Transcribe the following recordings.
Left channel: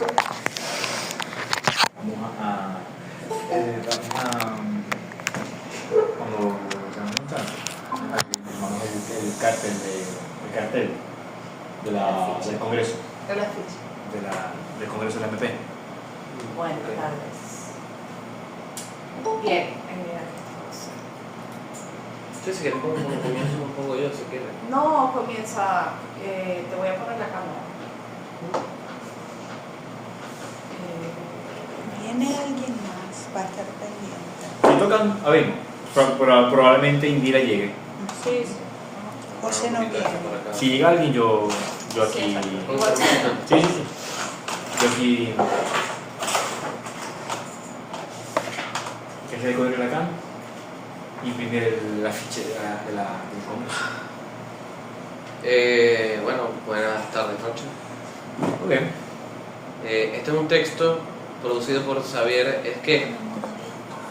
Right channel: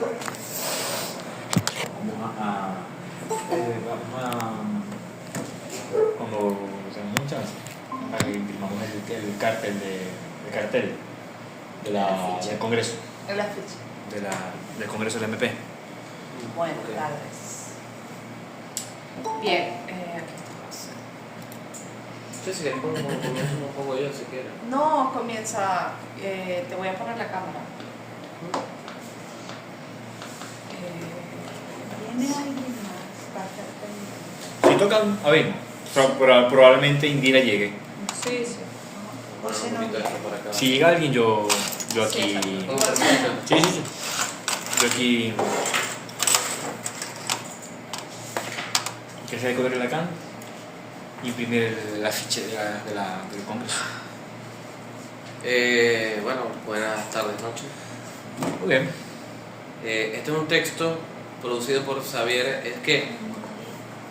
Cuando se nos hincha, aquí firmamos el cartel del Congreso. El afiche. Del Congreso del MP. Buenas tardes. Bien, Sí, si quieres un pongo yo, si quieres. no comienza, te voy a poner la cámara. ¿Viene alguien más? Va a estar pendiente. Si tocan, a ver, probablemente Indira llegue. Sí, sí. José no viene. Si llega alguien, yo aquí. Sí, igual. Sí. Yo aquí. ¿Qué se recoge de acá? Imprimir el afiche del Congreso. Bueno, buenas tardes, noches. Ok. Este es un texto producido por Xavier Esqué,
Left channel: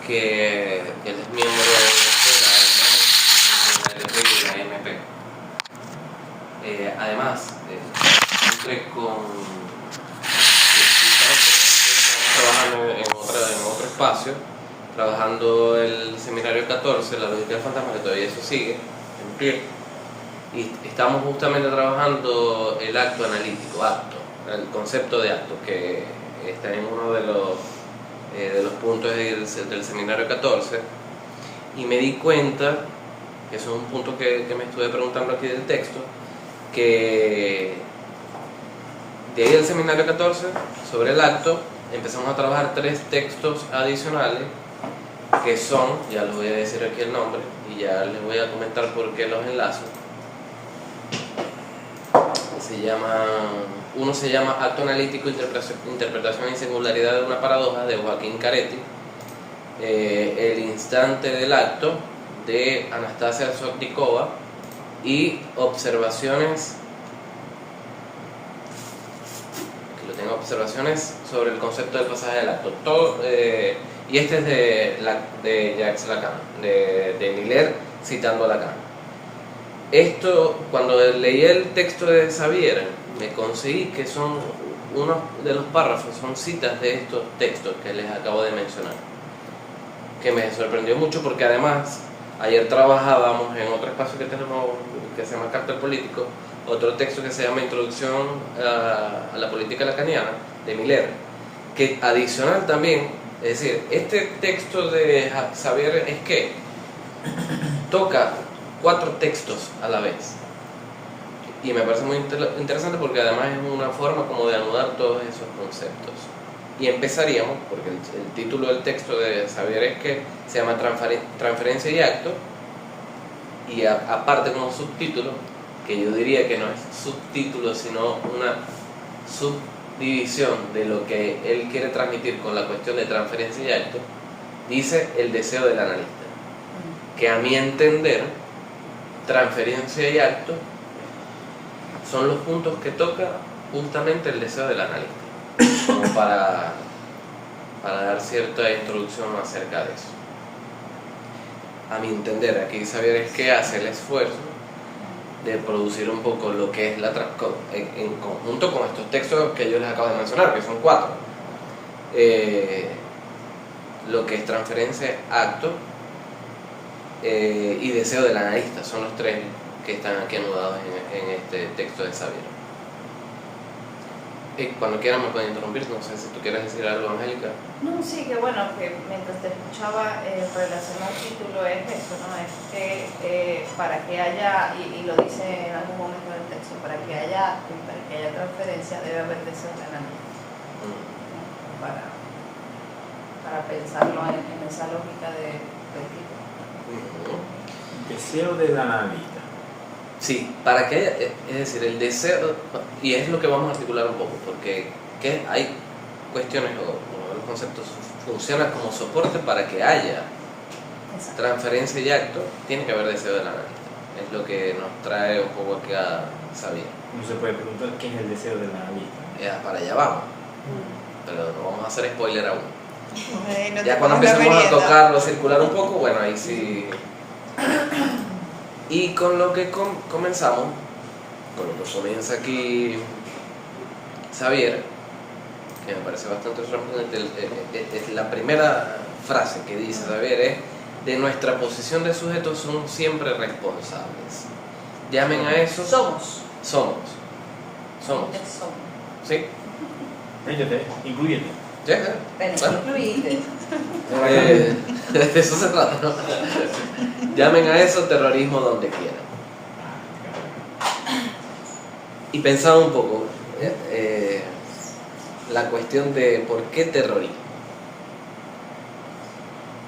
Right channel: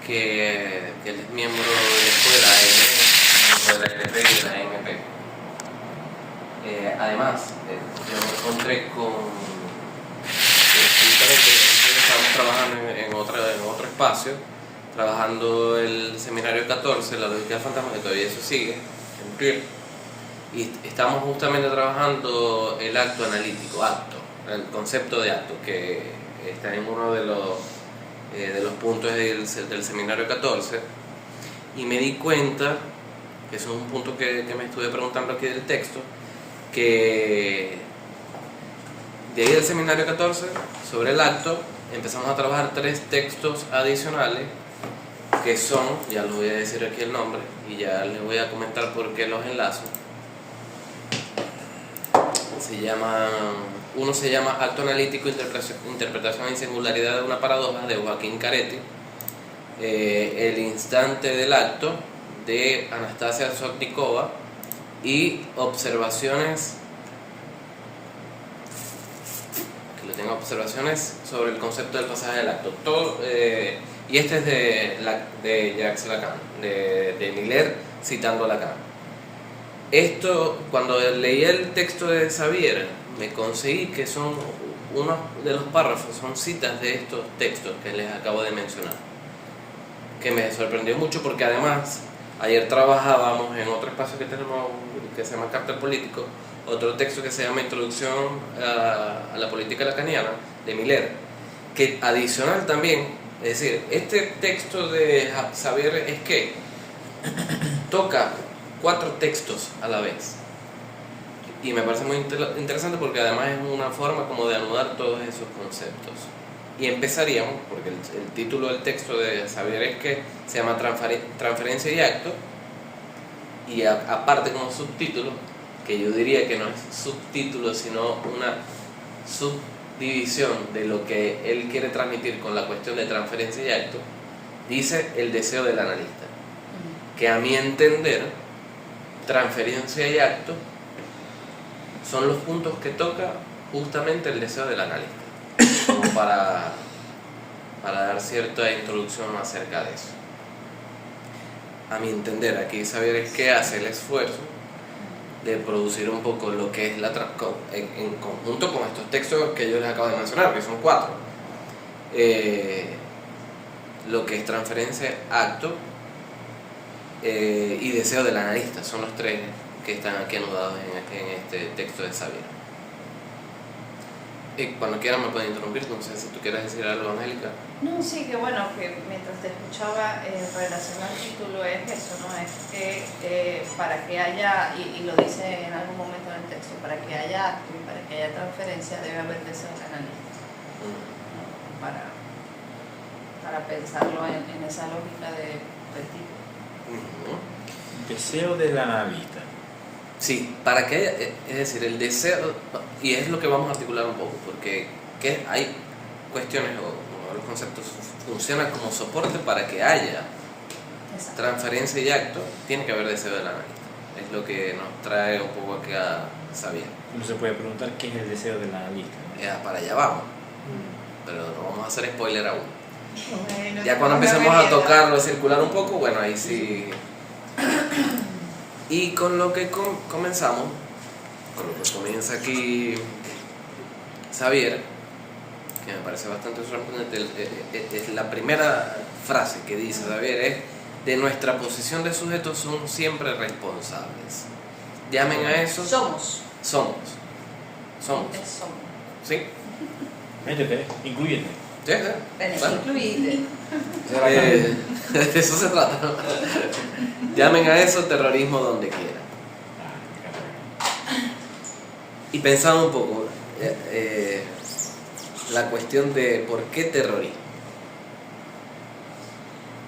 que él es miembro de la LP y de la MP. Además, me encontré con estamos trabajando en otro espacio, trabajando el seminario 14, la lógica de fantasmas, y todavía eso sigue en pie. Y estamos justamente trabajando el acto analítico, el concepto de acto, que está en uno de los puntos del seminario 14. Y me di cuenta, que eso es un punto que me estuve preguntando aquí del texto, que de ahí del seminario 14, sobre el acto, empezamos a trabajar 3 textos adicionales, que son, ya les voy a decir aquí el nombre, y ya les voy a comentar por qué los enlazo. Uno se llama Acto Analítico, Interpretación y Singularidad de una Paradoja, de Joaquín Caretti. El Instante del Acto, de Anastasia Sotnikova. Y Observaciones, observaciones sobre el concepto del pasaje del acto. Y este es de Jacques Lacan, de Miller, citando a Lacan. Esto, cuando leí el texto de Xavier, me conseguí que son uno de los párrafos, son citas de estos textos que les acabo de mencionar, que me sorprendió mucho porque además ayer trabajábamos en otro espacio que tenemos que se llama Cartel Político, otro texto que se llama Introducción a la Política Lacaniana, de Miller, que adicional también, es decir, este texto de Xavier Esqué toca 4 textos a la vez, y me parece muy interesante porque además es una forma como de anudar todos esos conceptos. Y empezaríamos, porque el título del texto de Xavier Esqué se llama Transferencia y Acto, y aparte como subtítulo, que yo diría que no es subtítulo sino una subdivisión de lo que él quiere transmitir con la cuestión de transferencia y acto, dice el deseo del analista, que a mi entender transferencia y acto son los puntos que toca justamente el deseo del analista, como para dar cierta introducción acerca de eso. A mi entender, aquí Xavier Esqué hace el esfuerzo de producir un poco lo que es en conjunto con estos textos que yo les acabo de mencionar, que son 4, lo que es transferencia, acto y deseo del analista. Son los 3 que están aquí anudados en este texto de Xavier. Cuando quieran me pueden interrumpir, no sé si tú quieres decir algo, Angélica. No, sí, que bueno, que mientras te escuchaba, relación al título es eso, ¿no? Es que para que haya, y lo dice en algún momento en el texto, para que haya acto y para que haya transferencia debe haber deseo del analista, ¿no? Para pensarlo en esa lógica del título. Deseo del analista. Sí, para que haya, es decir, el deseo, y es lo que vamos a articular un poco, porque hay cuestiones o los conceptos funcionan como soporte para que haya transferencia y acto, tiene que haber deseo del analista. Es lo que nos trae un poco aquí a Xavier. Uno se puede preguntar qué es el deseo del analista. Para allá vamos, pero no vamos a hacer spoiler aún. No Ya cuando empecemos a tocarlo, a circular un poco, bueno, ahí sí. Y con lo que comenzamos, con lo que comienza aquí Xavier, que me parece bastante sorprendente, es la primera frase que dice Xavier es: de nuestra posición de sujetos somos siempre responsables. Llamen a eso... Somos. Somos. ¿Sí? Incluyendo. ¿Ya? Bueno, ¿Ah? incluiste. De eso se trata, ¿no? Llamen a eso terrorismo donde quieran. Y pensar un poco la cuestión de por qué terrorismo.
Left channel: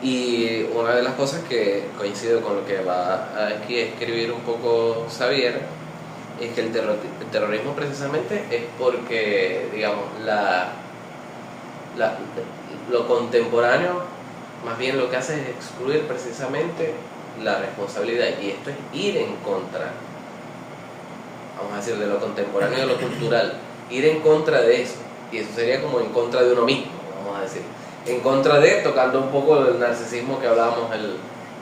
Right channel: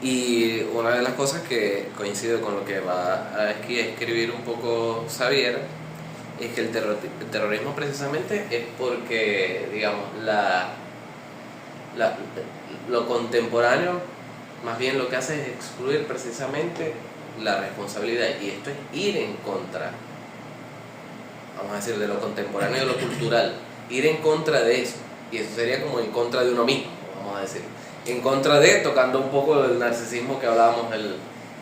Y una de las cosas que coincide con lo que va a escribir un poco Xavier es que el terrorismo precisamente es porque, digamos, lo contemporáneo más bien lo que hace es excluir precisamente la responsabilidad, y esto es ir en contra, vamos a decir, de lo contemporáneo y de lo cultural, ir en contra de eso, y eso sería como en contra de uno mismo, vamos a decir, en contra de, tocando un poco del narcisismo que hablábamos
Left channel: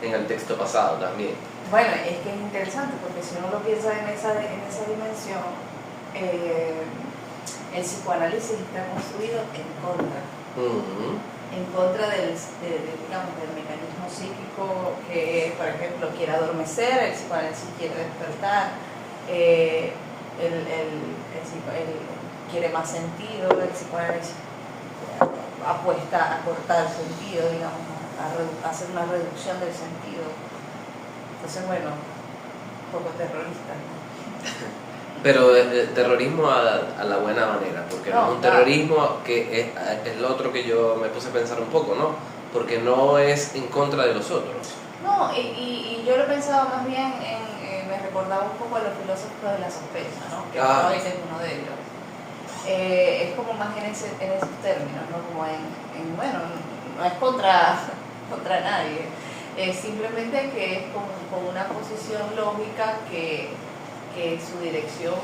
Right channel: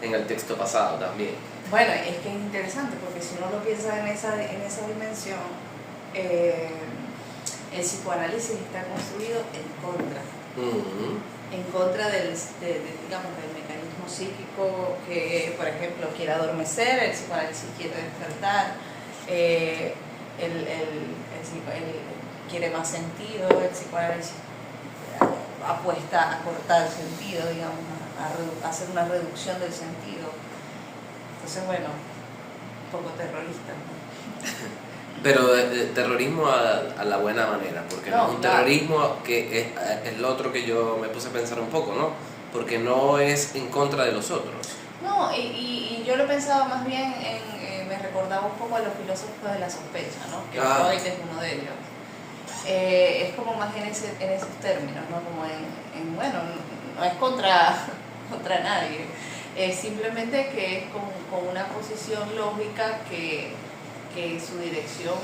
en el texto pasado también. Bueno, es que es interesante porque si uno lo piensa en esa dimensión, el psicoanálisis está construido en contra. En contra digamos, del mecanismo psíquico que, por ejemplo, quiere adormecer, el psicoanálisis quiere despertar, quiere más sentido, el psicoanálisis apuesta a cortar sentido, digamos, a hacer una reducción del sentido. Entonces, bueno, un poco terrorista, ¿no? Pero terrorismo a la buena manera, porque no es un terrorismo que es lo otro que yo me puse a pensar un poco, ¿no? Porque no es en contra de los otros. No, y yo lo pensaba más bien me recordaba un poco a los filósofos de la sospecha, ¿no? Que Freud es uno de ellos. Es como más en esos términos, ¿no? Como bueno, no es contra nadie, es simplemente que es como una posición lógica que su dirección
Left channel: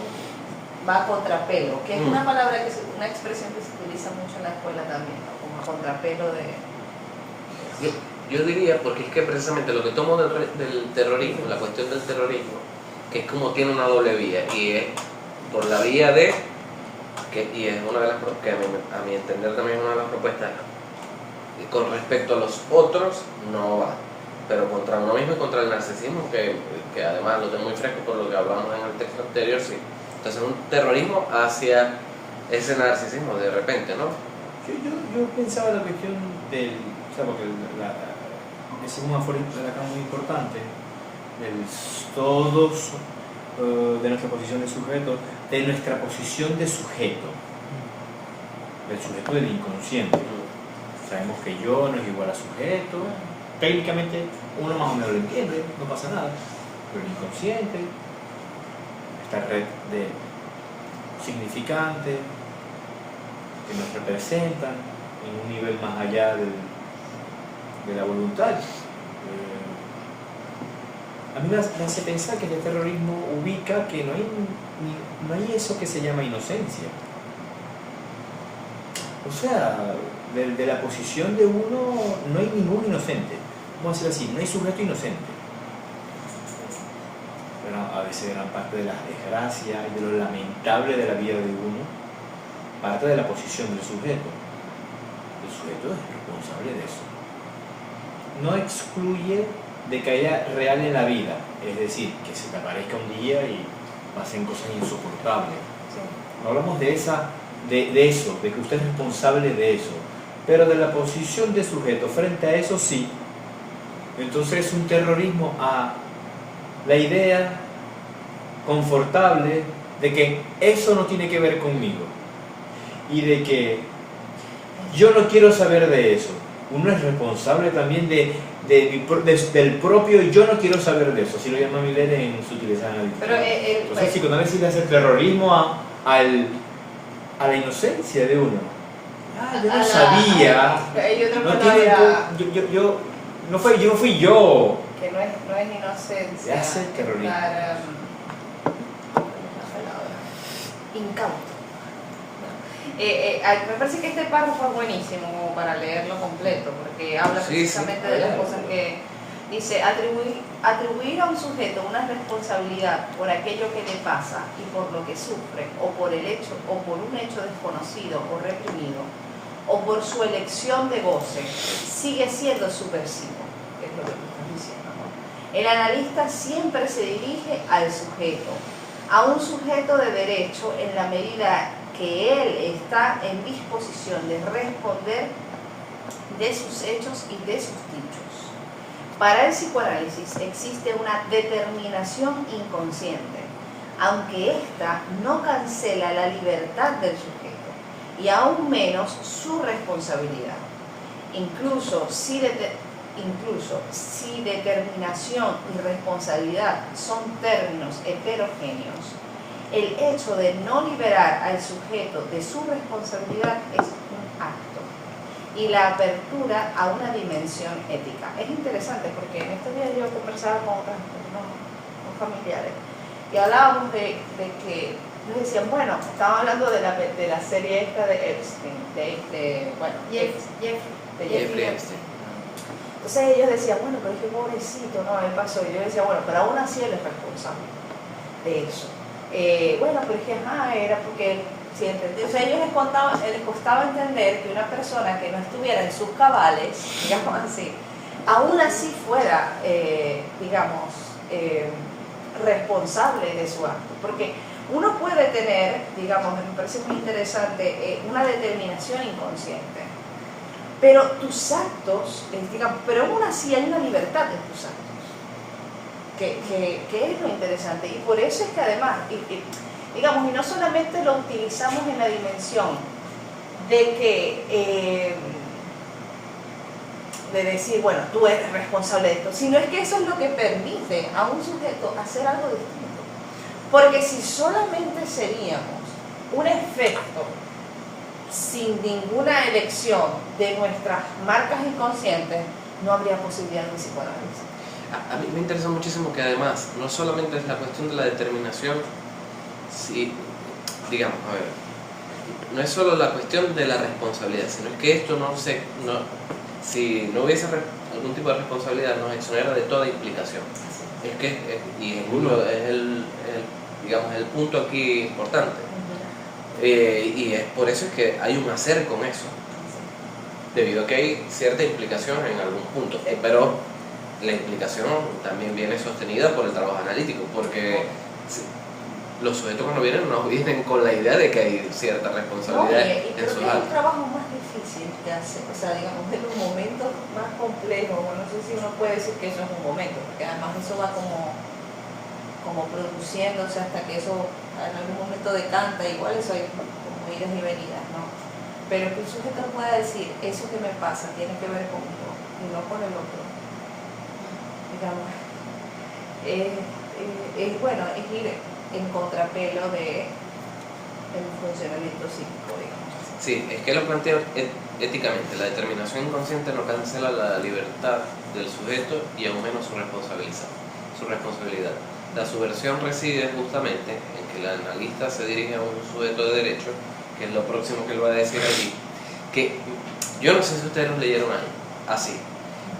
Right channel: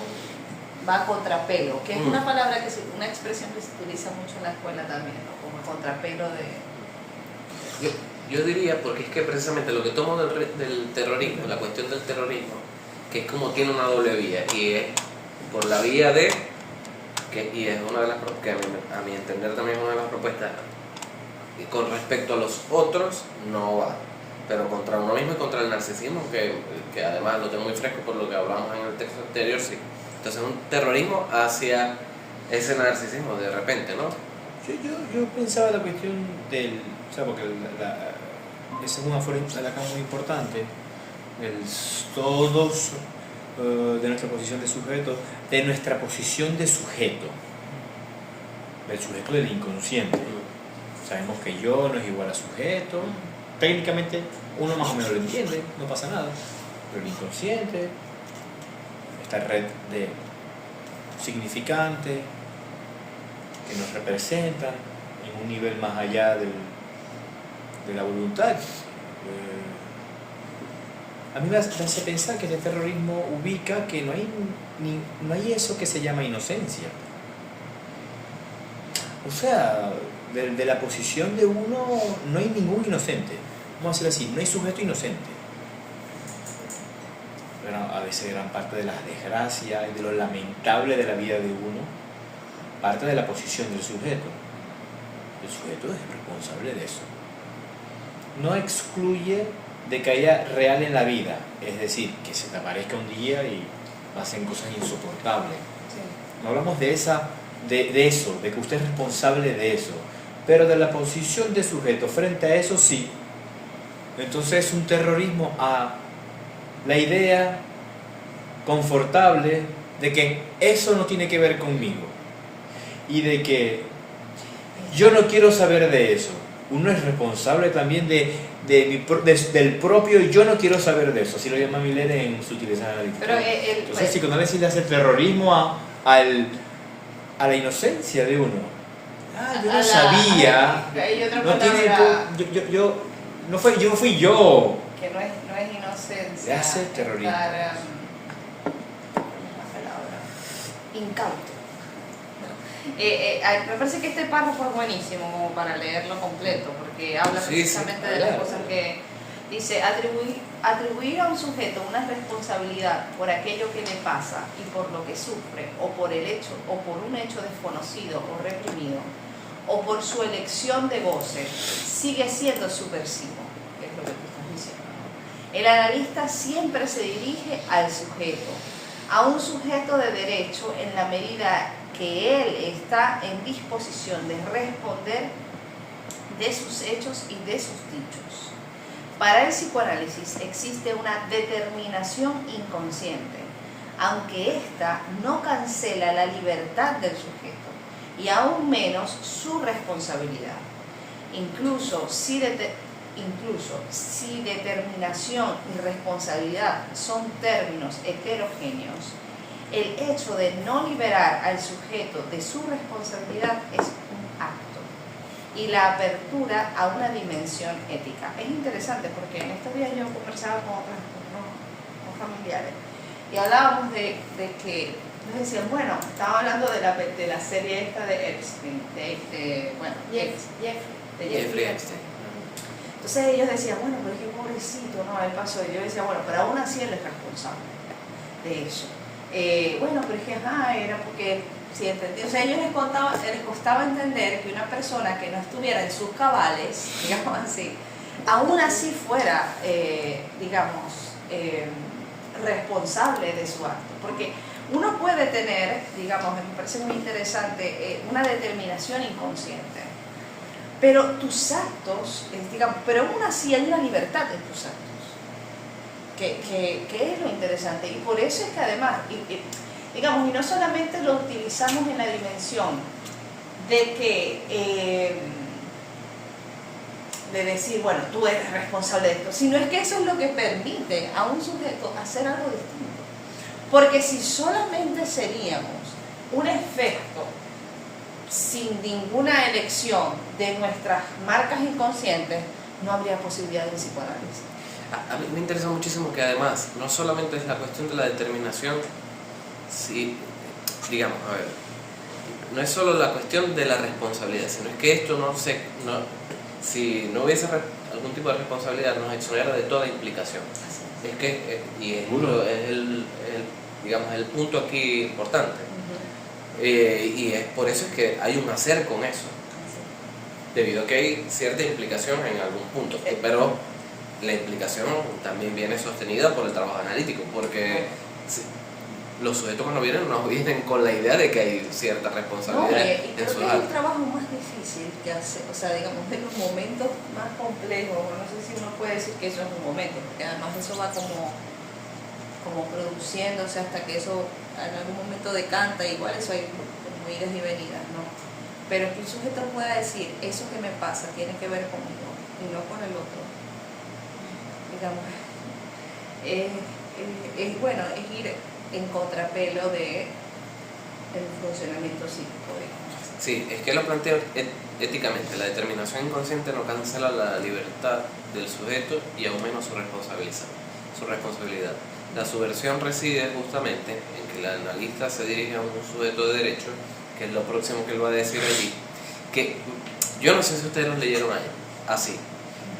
va a contrapelo, que es una palabra, una expresión que se utiliza mucho en la escuela también, ¿no? Como contrapelo de... Yo diría, porque es que precisamente lo que tomo del terrorismo, la cuestión del terrorismo, que es como tiene una doble vía, y es por la vía de, y es una de las que a mi entender también es una de las propuestas, con respecto a los otros no va, pero contra uno mismo y contra el narcisismo, que además lo tengo muy fresco por lo que hablábamos en el texto anterior, sí. Entonces un terrorismo hacia ese narcisismo de repente, ¿no? Yo pensaba la cuestión del... O sea, porque ese es un aforismo de Lacan muy importante, todos de nuestra posición de sujeto, de nuestra posición de sujeto, del sujeto del inconsciente. Sabemos que yo no es igual a sujeto, técnicamente uno más o menos lo entiende, no pasa nada, pero el inconsciente, esta red de significantes que nos representan en un nivel más allá de la voluntad. A mí me hace pensar que el terrorismo ubica que no hay eso que se llama inocencia. O sea, de la posición de uno no hay ningún inocente. Vamos a decir así, no hay sujeto inocente. Pero a veces gran parte de las desgracias y de lo lamentable de la vida de uno parte de la posición del sujeto. El sujeto es responsable de eso. No excluye de que haya real en la vida, es decir, que se te aparezca un día y pasen cosas insoportables. No hablamos de eso, de que usted es responsable de eso, pero de la posición de sujeto frente a eso sí. Entonces es un terrorismo a la idea confortable de que eso no tiene que ver conmigo y de que yo no quiero saber de eso. Uno es responsable también del propio yo no quiero saber de eso, así lo llama Miller en su utilización analítica. Entonces el psicoanálisis le hace terrorismo a la inocencia de uno. Yo no sabía. No fui yo. Que no es inocencia. Le hace terrorismo. Incauto. Me parece que este párrafo es buenísimo como para leerlo completo, porque habla precisamente de las cosas que dice: atribuir a un sujeto una responsabilidad por aquello que le pasa y por lo que sufre, o por un hecho desconocido o reprimido, o por su elección de goce, sigue siendo subversivo, que es lo que tú estás diciendo, ¿no? El analista siempre se dirige al sujeto, a un sujeto de derecho en la medida que él está en disposición de responder de sus hechos y de sus dichos. Para el psicoanálisis existe una determinación inconsciente, aunque ésta no cancela la libertad del sujeto y aún menos su responsabilidad. Incluso si determinación y responsabilidad son términos heterogéneos, el hecho de no liberar al sujeto de su responsabilidad es un acto y la apertura a una dimensión ética. Es interesante porque en estos días yo conversaba con unos familiares y hablábamos de que nos decían, bueno, estaban hablando de la serie esta de Epstein, Jeffrey Epstein. Entonces ellos decían, bueno, pero es que pobrecito, no, él pasó. Y yo decía, bueno, pero aún así él es responsable de eso. Bueno, pero es que era porque, sí, entendí. O sea, a ellos les costaba entender que una persona que no estuviera en sus cabales, digamos así, aún así fuera, responsable de su acto. Porque uno puede tener, digamos, me parece muy interesante, una determinación inconsciente. Pero tus actos, pero aún así hay una libertad en tus actos. Que es lo interesante, y por eso es que además, y no solamente lo utilizamos en la dimensión de que de decir, bueno, tú eres responsable de esto, sino es que eso es lo que permite a un sujeto hacer algo distinto, porque si solamente seríamos un efecto sin ninguna elección de nuestras marcas inconscientes, no habría posibilidad de psicoanálisis. A mí me interesa muchísimo que además no solamente es la cuestión de la determinación, no es solo la cuestión de la responsabilidad, sino es que esto si no hubiese algún tipo de responsabilidad nos exonera de toda implicación. Es que es el punto aquí importante. Y es por eso es que hay un hacer con eso, debido a que hay cierta implicación en algún punto, pero la implicación también viene sostenida por el trabajo analítico, porque los sujetos cuando vienen con la idea de que hay cierta responsabilidad y en creo su que es el acto. trabajo más difícil que hacer, o sea, digamos, en los momentos más complejos, no sé si uno puede decir que eso es un momento, porque además eso va como produciéndose hasta que eso en algún momento decanta, igual eso hay como idas y venidas, ¿no? Pero que un sujeto pueda decir, eso que me pasa tiene que ver conmigo y no con el otro, digamos, es ir en contrapelo de el funcionamiento psíquico, digamos. Sí, es que lo planteo éticamente. La determinación inconsciente no cancela la libertad del sujeto y aún menos su responsabilidad. La subversión reside justamente en que el analista se dirige a un sujeto de derecho, que es lo próximo que él va a decir allí, que yo no sé si ustedes lo leyeron así,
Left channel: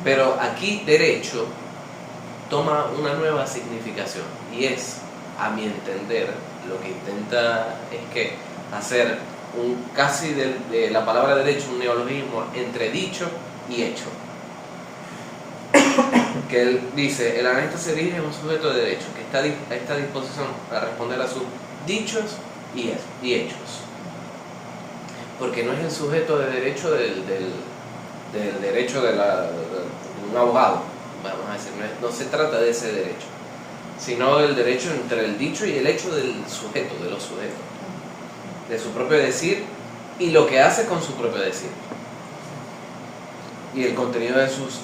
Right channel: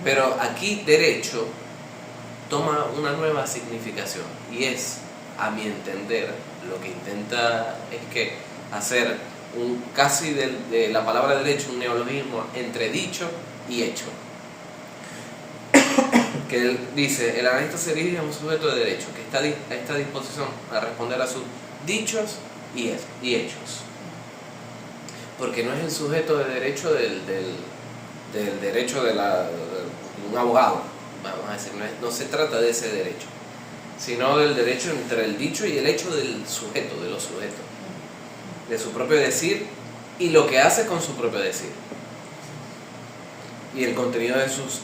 pero aquí derecho toma una nueva significación y es, a mi entender, lo que intenta es que hacer casi de la palabra derecho un neologismo entre dicho y hecho. Que él dice, el analista se dirige a un sujeto de derecho que está a esta disposición a responder a sus dichos y hechos, porque no es el sujeto de derecho del derecho de un abogado, vamos a decir, no se trata de ese derecho, sino del derecho entre el dicho y el hecho del sujeto, de los sujetos, de su propio decir y lo que hace con su propio decir, y el contenido de sus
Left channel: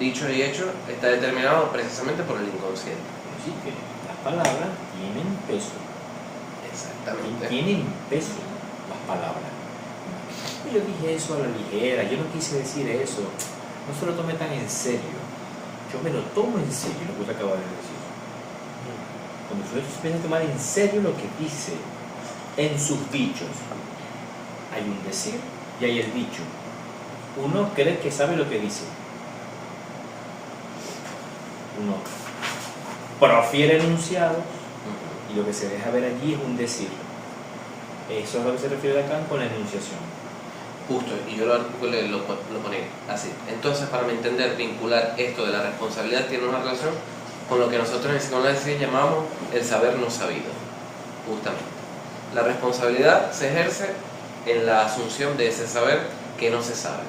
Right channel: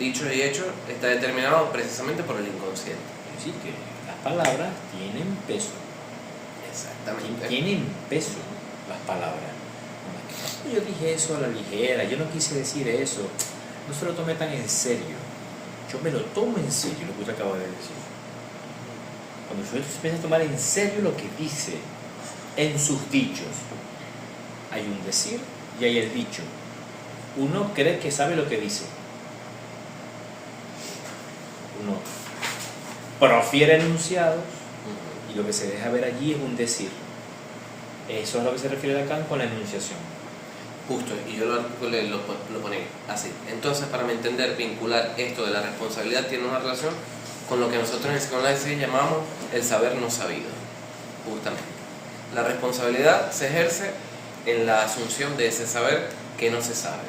dichos y hechos está determinado precisamente por el inconsciente. Sí, que las palabras tienen peso. Exactamente. Tienen peso las palabras. Yo dije eso a la ligera, yo no quise decir eso. No se lo tome tan en serio. Yo me lo tomo en serio lo que usted acaba de decir. Cuando usted empieza a tomar en serio lo que dice en sus dichos, hay un decir y hay el dicho. Uno cree que sabe lo que dice. Uno profiere enunciados y lo que se deja ver allí es un decir. Eso es lo que se refiere Lacan con la enunciación. Justo, y yo lo ponía así. Entonces, para entender, vincular esto de la responsabilidad tiene una relación con lo que nosotros en psicoanálisis llamamos el saber no sabido, justamente. La responsabilidad se ejerce en la asunción de ese saber que no se sabe,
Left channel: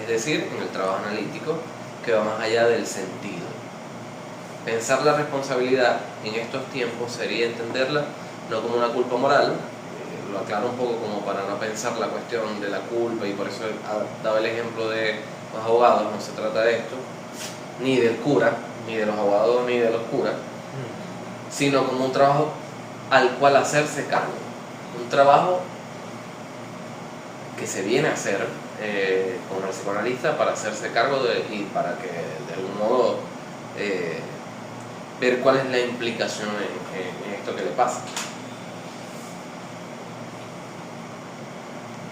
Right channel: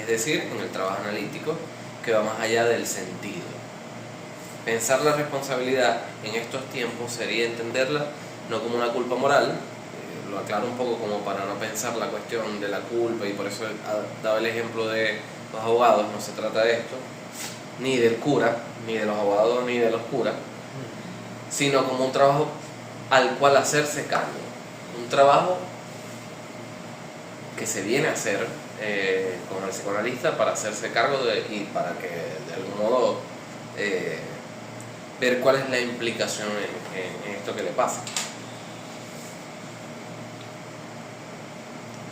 es decir, en el trabajo analítico que va más allá del sentido. Pensar la responsabilidad en estos tiempos sería entenderla no como una culpa moral, lo aclaro un poco como para no pensar la cuestión de la culpa, y por eso daba el ejemplo de los abogados. No se trata de esto, ni del cura, ni de los abogados, ni de los curas, sino como un trabajo al cual hacerse cargo, un trabajo que se viene a hacer como el psicoanalista para hacerse cargo y para que de algún modo ver cuál es la implicación en esto que le pasa.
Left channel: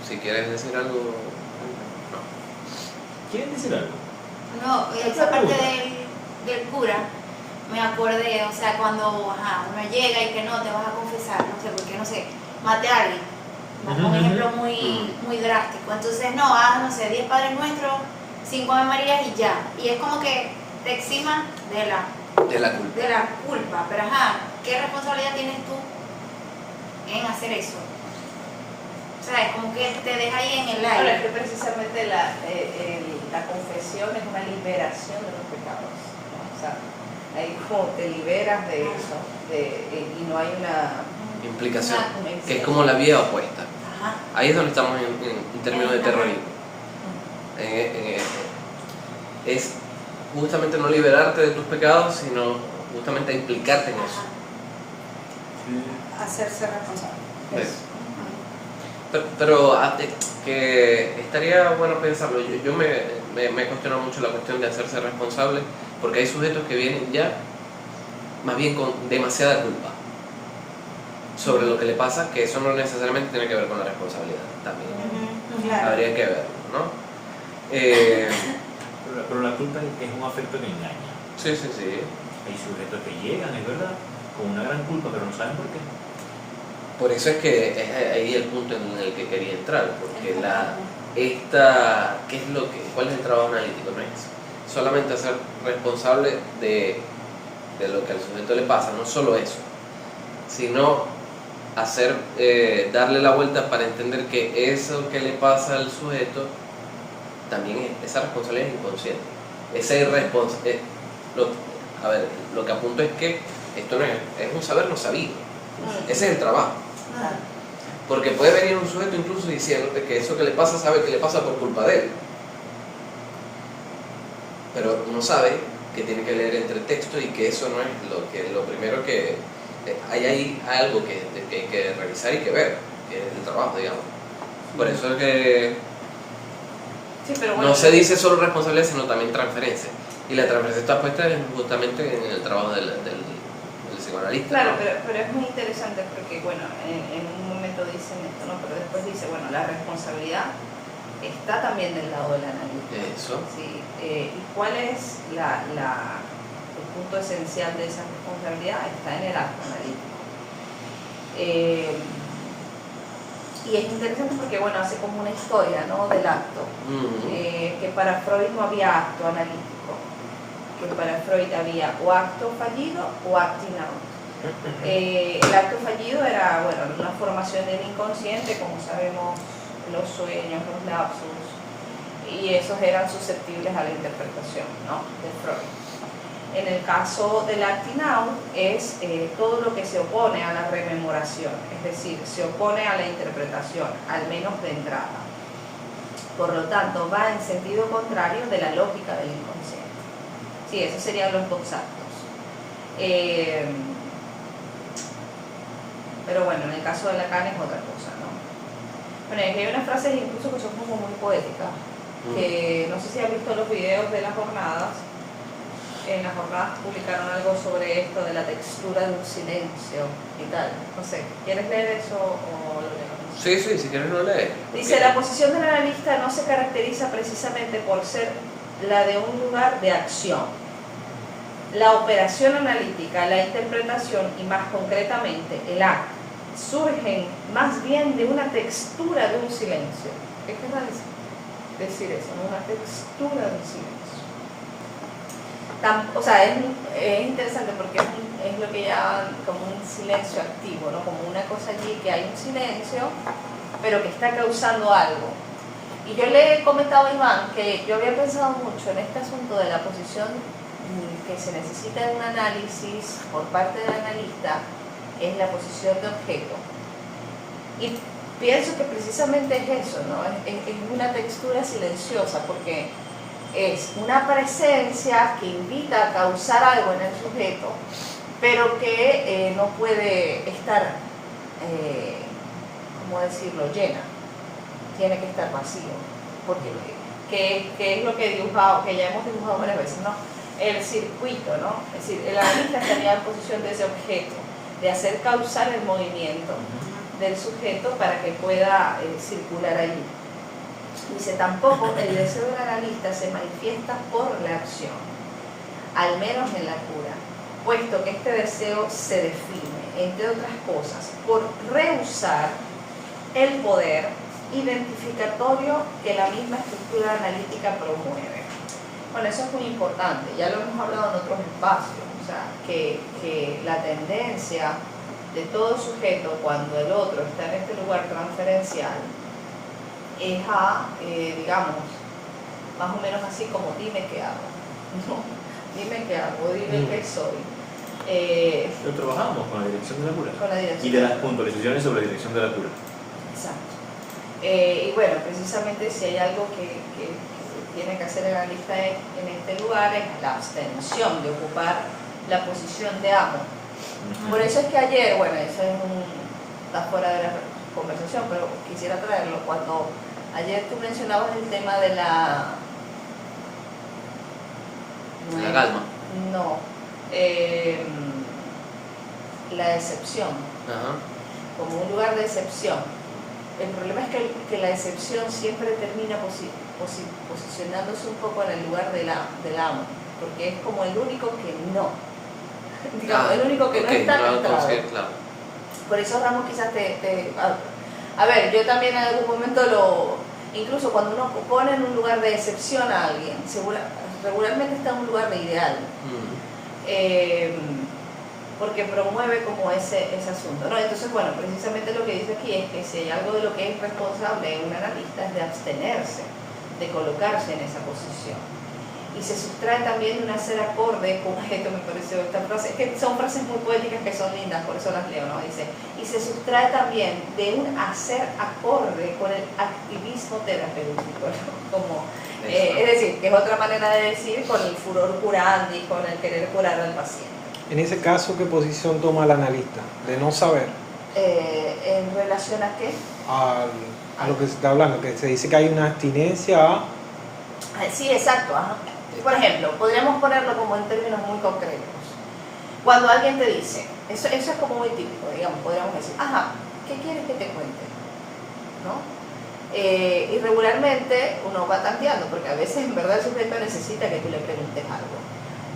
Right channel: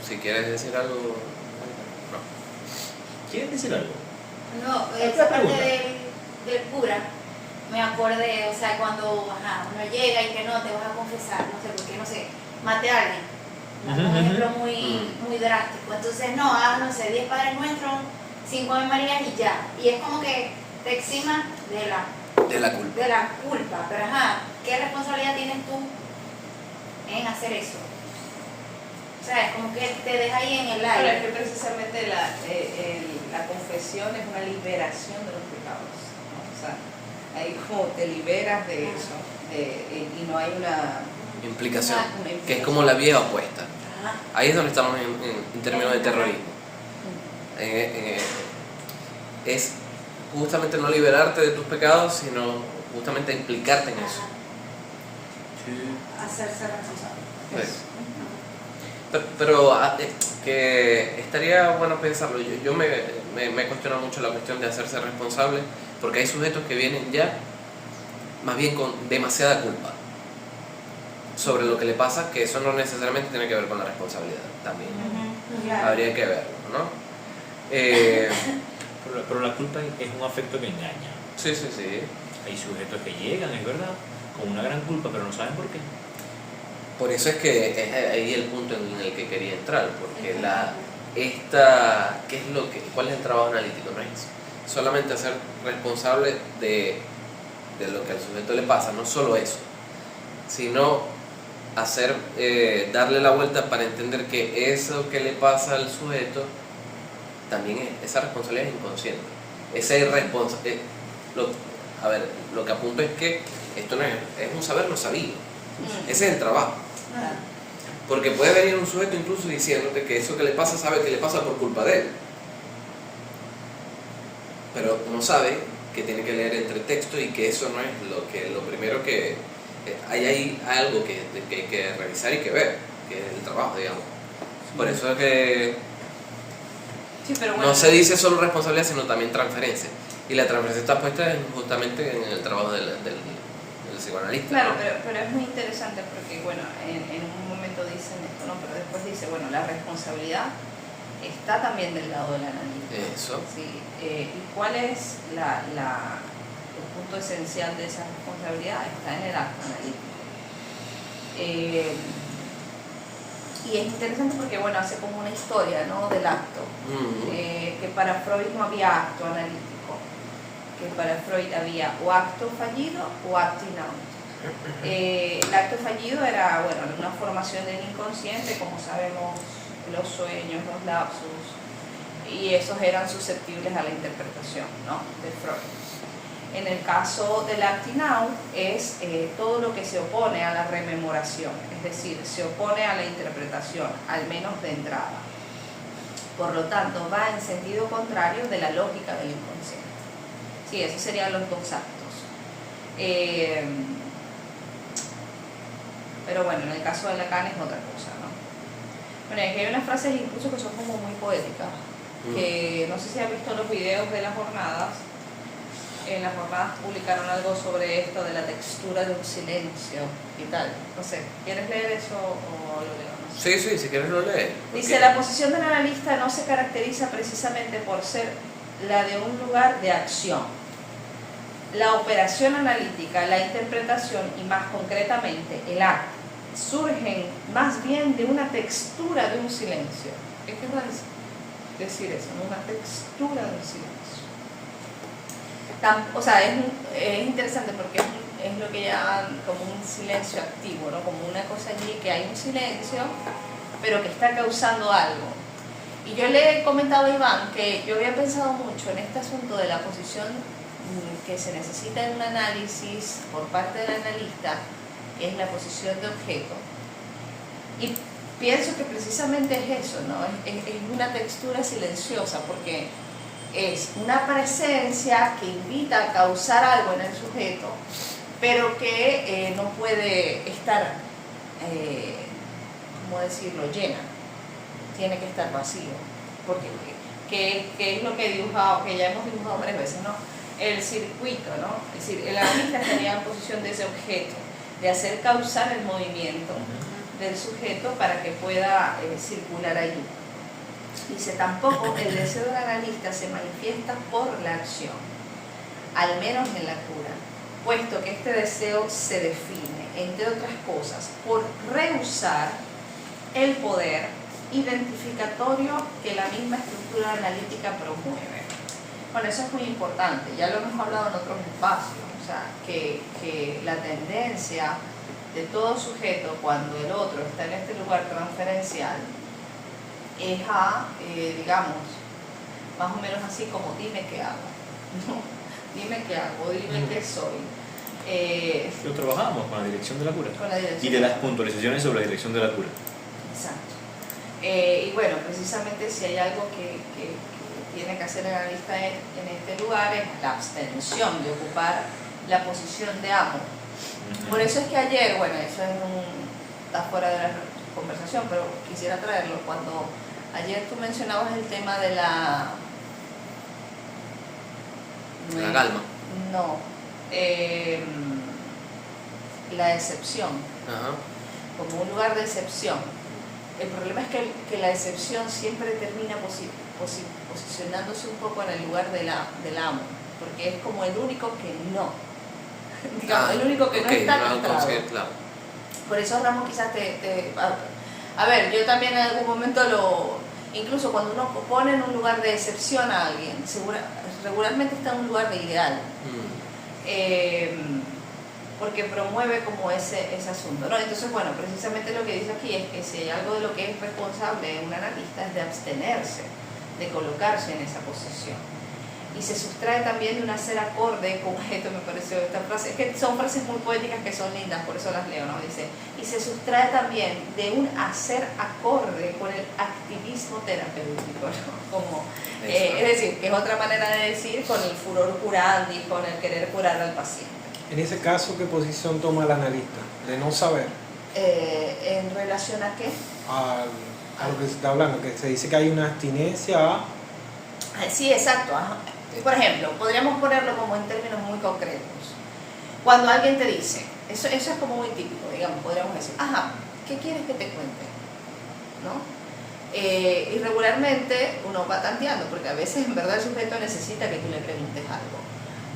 Si quieres decir algo, no. ¿Quieren decir algo? No, esa parte del cura, me acordé, o sea, cuando uno llega y que no, te vas a confesar, no sé, porque no sé, maté a alguien. Un ejemplo muy drástico. Entonces, no, no sé, 10 Padres Nuestros, 5 Ave Marías y ya. Y es como que te eximan de la culpa. Pero ¿qué responsabilidad tienes tú en hacer eso? O sea, es como que te deja ahí en el aire. Pero es que precisamente la confesión es una liberación de los pecados, ¿no? O sea, ahí como te liberas de eso, y no hay una implicación, una que es como la vía opuesta. Ajá. Ahí es donde estamos en términos de terrorismo. Es justamente no liberarte de tus pecados, sino justamente implicarte en eso. Hacerse responsable. Eso. Pero que estaría bueno pensarlo. Yo me he cuestionado mucho la cuestión de hacerse responsable, porque hay sujetos que vienen ya más bien con demasiada culpa sobre lo que le pasa, que eso no necesariamente tiene que ver con la responsabilidad también. Claro. Habría que verlo, ¿no? Pero la culpa es un afecto que engaña. Sí. Hay sujetos que llegan, es verdad, con una gran culpa, pero no saben por qué. Por eso es que es ahí el punto en el que quería entrar, porque ¿cuál es el trabajo analítico? No es solamente hacer responsable de lo que al sujeto le pasa, no solo eso, sino darle la vuelta para entender que eso que le pasa al sujeto también esa responsabilidad es inconsciente. Lo que apunto es que esto no es un saber no sabido. Ese es el trabajo. Porque puede venir un sujeto incluso diciéndote que eso que le pasa sabe que le pasa por culpa de él, pero no sabe que tiene que leer entre texto y que eso no es lo primero que hay ahí algo que hay que revisar y que ver, que es el trabajo, digamos. Por eso es que Sí, pero bueno, no se dice solo responsabilidad, sino también transferencia, y la transferencia está puesta justamente en el trabajo del psicoanalista. claro, pero es muy interesante porque, bueno, en un momento dicen esto, ¿no? Pero después dice, bueno, la responsabilidad está también del lado del analista. Eso. Sí, ¿y cuál es el punto esencial de esa responsabilidad? Está en el acto analítico. Y es interesante porque, bueno, hace como una historia, ¿no?, del acto. Que para Freud no había acto analítico, que para Freud había o acto fallido o actinado. El acto fallido era, bueno, una formación del inconsciente, como sabemos, los sueños, los lapsus, y esos eran susceptibles a la interpretación, ¿no?, de Freud. En el caso del acting out es todo lo que se opone a la rememoración, es decir, se opone a la interpretación, al menos de entrada. Por lo tanto, va en sentido contrario de la lógica del inconsciente. Sí, esos serían los dos actos. Pero bueno, en el caso de Lacan es otra cosa, ¿no? Bueno, aquí hay unas frases incluso que son como muy poéticas, que no sé si has visto los videos de las jornadas. En las jornadas publicaron algo sobre esto de la textura de un silencio y tal. No sé, ¿quieres leer eso o lo leemos? Sí, si quieres lo lees. Dice, la posición del analista no se caracteriza precisamente por ser la de un lugar de acción. la operación analítica, la interpretación y más concretamente el acto surgen más bien de una textura de un silencio. ¿Qué querrá decir eso? ¿No? Una textura de un silencio. O sea, es interesante porque es lo que llaman como un silencio activo, ¿no? Como una cosa allí que hay un silencio, pero que está causando algo. Y yo le he comentado a Iván que yo había pensado mucho en este asunto de la posición que se necesita en un análisis por parte del analista, que es la posición de objeto. Y pienso que precisamente es eso, ¿no? Es una textura silenciosa, porque es una presencia que invita a causar algo en el sujeto, pero que no puede estar, ¿cómo decirlo?, llena. Tiene que estar vacío, porque que es lo que ya hemos dibujado varias veces, ¿no? El circuito, ¿no? Es decir, el analista estaría en posición de ese objeto, de hacer causar el movimiento del sujeto para que pueda circular allí. Dice, tampoco el deseo del analista se manifiesta por la acción, al menos en la cura, puesto que este deseo se define, entre otras cosas, por rehusar el poder identificatorio que la misma estructura analítica promueve. Bueno, eso es muy importante, ya lo hemos hablado en otros espacios, o sea, que la tendencia de todo sujeto cuando el otro está en este lugar transferencial es a, digamos, más o menos así como dime qué hago, ¿no? Dime qué hago, dime qué soy. Pero trabajamos con la dirección de la cura. Con la dirección. Y de las puntualizaciones sobre la dirección de la cura. Exacto. Y bueno, precisamente si hay algo que tiene que hacer el analista en este lugar es la abstención de ocupar la posición de amo. Por eso es que ayer, bueno, eso está fuera de la conversación, pero quisiera traerlo. Cuando ayer tú mencionabas el tema de la calma. No, la excepción. Ajá. Como un lugar de excepción. El problema es que la excepción siempre termina posicionándose un poco en el lugar del amo, porque es como el único que no, digamos, el único que no está castrado. Claro. Por eso Ramón quizás a ver, yo también en algún momento incluso cuando uno pone en un lugar de excepción a alguien, regularmente está en un lugar de ideal. Porque promueve como ese asunto, ¿no? Entonces, bueno, precisamente lo que dice aquí es que si hay algo de lo que es responsable en un analista es de abstenerse, de colocarse en esa posición. Y se sustrae también de un hacer acorde con esto, me pareció esta frase, es que son frases muy poéticas que son lindas, por eso las leo, ¿no? Dice, y se sustrae también de un hacer acorde con el activismo terapéutico, ¿no? Como, es decir, que es otra manera de decir con el furor curandi, con el querer curar al paciente. En ese caso, ¿qué posición toma el analista? De no saber. ¿En relación a qué? A lo que se está hablando, que se dice que hay una abstinencia a... Sí, exacto. Ajá. Por ejemplo, podríamos ponerlo como en términos muy concretos. Cuando alguien te dice, eso es como muy típico, digamos, podríamos decir, ajá, ¿qué quieres que te cuente? ¿No? Y regularmente uno va tanteando, porque a veces en verdad el sujeto necesita que tú le preguntes algo.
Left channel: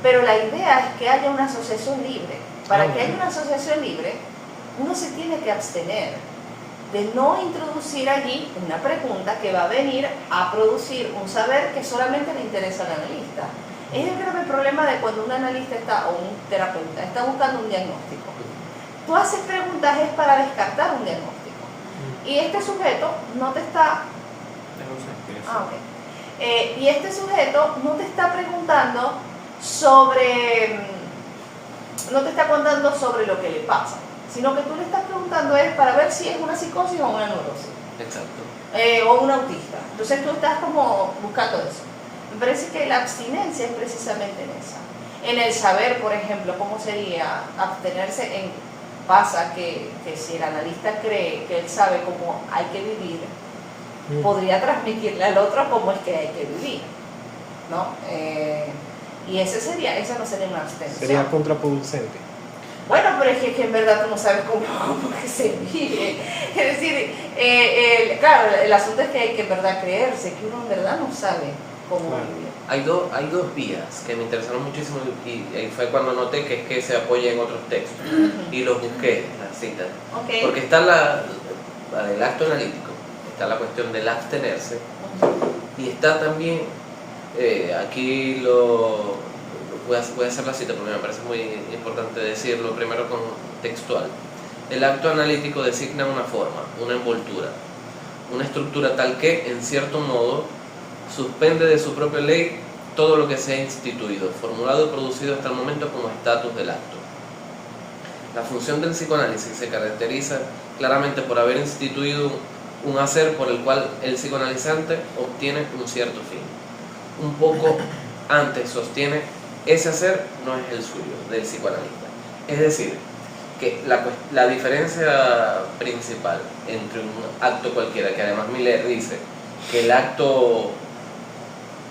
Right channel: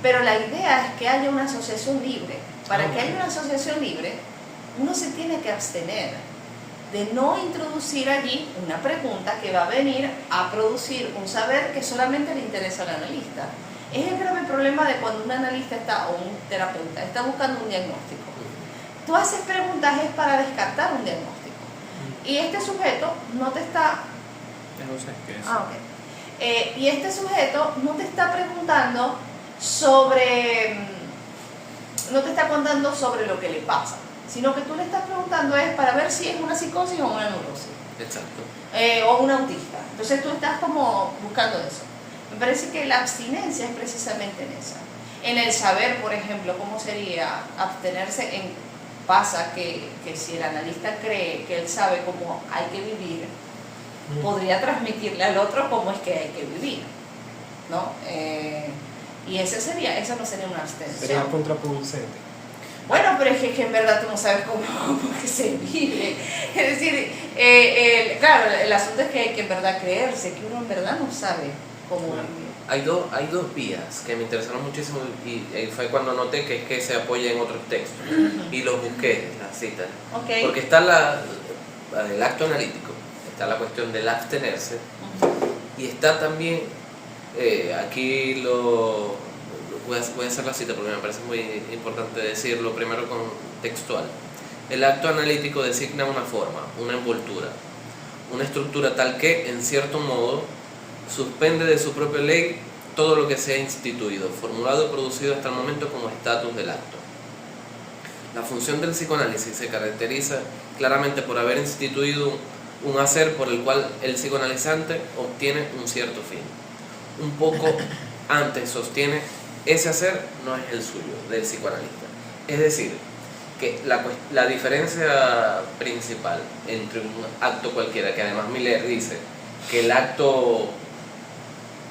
Pero la idea es que haya una asociación libre. Para que haya una asociación libre, uno se tiene que abstener de no introducir allí una pregunta que va a venir a producir un saber que solamente le interesa al analista. Es el grave problema de cuando un analista o un terapeuta está buscando un diagnóstico. Tú haces preguntas es para descartar un diagnóstico. Y este sujeto no te está... y este sujeto no te está preguntando no te está contando sobre lo que le pasa, sino que tú le estás preguntando es para ver si es una psicosis o una neurosis. Exacto. O un autista. Entonces tú estás como buscando eso. Me parece que la abstinencia es precisamente en esa. En el saber, por ejemplo, cómo sería abstenerse pasa que si el analista cree que él sabe cómo hay que vivir, podría transmitirle al otro cómo es que hay que vivir, ¿no? Y esa no sería una abstención. Sería contraproducente. Bueno, pero es que en verdad tú no sabes cómo que se vive. Es decir, claro, el asunto es que hay que en verdad creerse, que uno en verdad no sabe como Claro. Biblia. Hay dos vías que me interesaron muchísimo y fue cuando noté que es que se apoya en otros textos. Y los busqué, las citas. Ok. Porque está el acto analítico, está la cuestión del abstenerse, y está también, aquí voy a hacer la cita porque me parece muy importante decirlo primero con textual. El acto analítico designa una forma, una envoltura, una estructura tal que, en cierto modo, suspende de su propia ley todo lo que se ha instituido, formulado y producido hasta el momento como estatus del acto. La función del psicoanálisis se caracteriza claramente por haber instituido un hacer por el cual el psicoanalizante obtiene un cierto fin. Un poco antes sostiene, ese hacer no es el suyo, del psicoanalista. Es decir, que la diferencia principal entre un acto cualquiera, que además Miller dice que el acto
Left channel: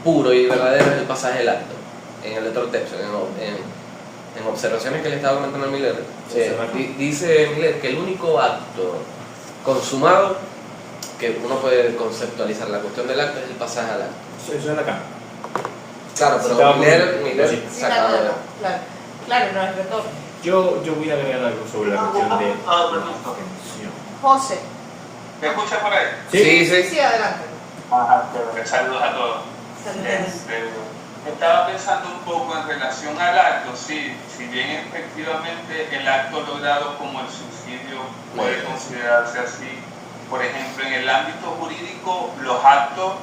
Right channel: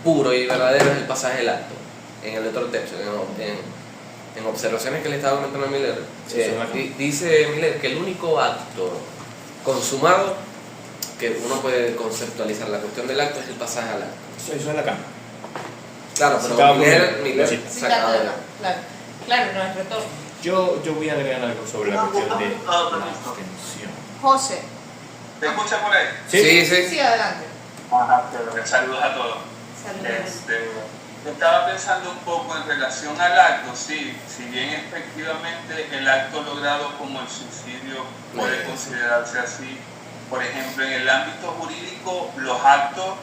puro y verdadero es el pasaje del acto, en el otro texto, en observaciones que le estaba comentando a Miller, dice Miller que el único acto consumado que uno puede conceptualizar la cuestión del acto es el pasaje al acto. Eso es la cama. Claro, pero Estaba Miller sí. Sí, claro, no es retorno. Yo voy a agregar algo sobre la cuestión de perdón. abstención. José. ¿Me escuchan por ahí? Sí, adelante. Ajá, saludos a todos. Saludos. Estaba pensando un poco en relación al acto, sí, si bien efectivamente el acto logrado como el suicidio puede considerarse así, por ejemplo, en el ámbito jurídico los actos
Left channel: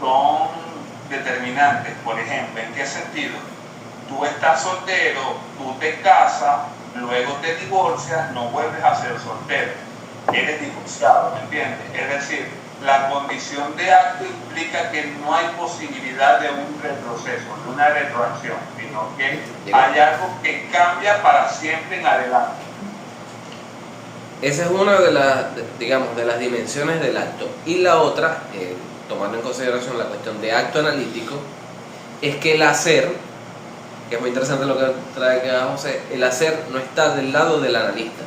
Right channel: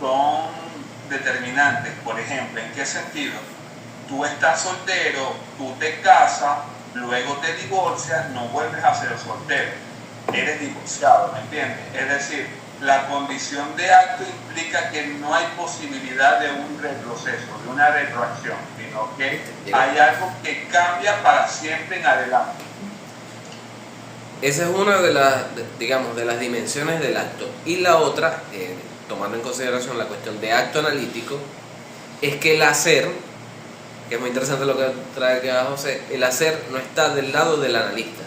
son determinantes. Por ejemplo, ¿en qué sentido? Tú estás soltero, tú te casas, luego te divorcias, no vuelves a ser soltero, eres divorciado, ¿me entiendes? Es decir, la condición de acto implica que no hay posibilidad de un retroceso, de una retroacción, sino que hay algo que cambia para siempre en adelante. Esa es una de las dimensiones del acto. Y la otra, tomando en consideración la cuestión de acto analítico, es que el hacer, que es muy interesante lo que trae aquí abajo, el hacer no está del lado del analista.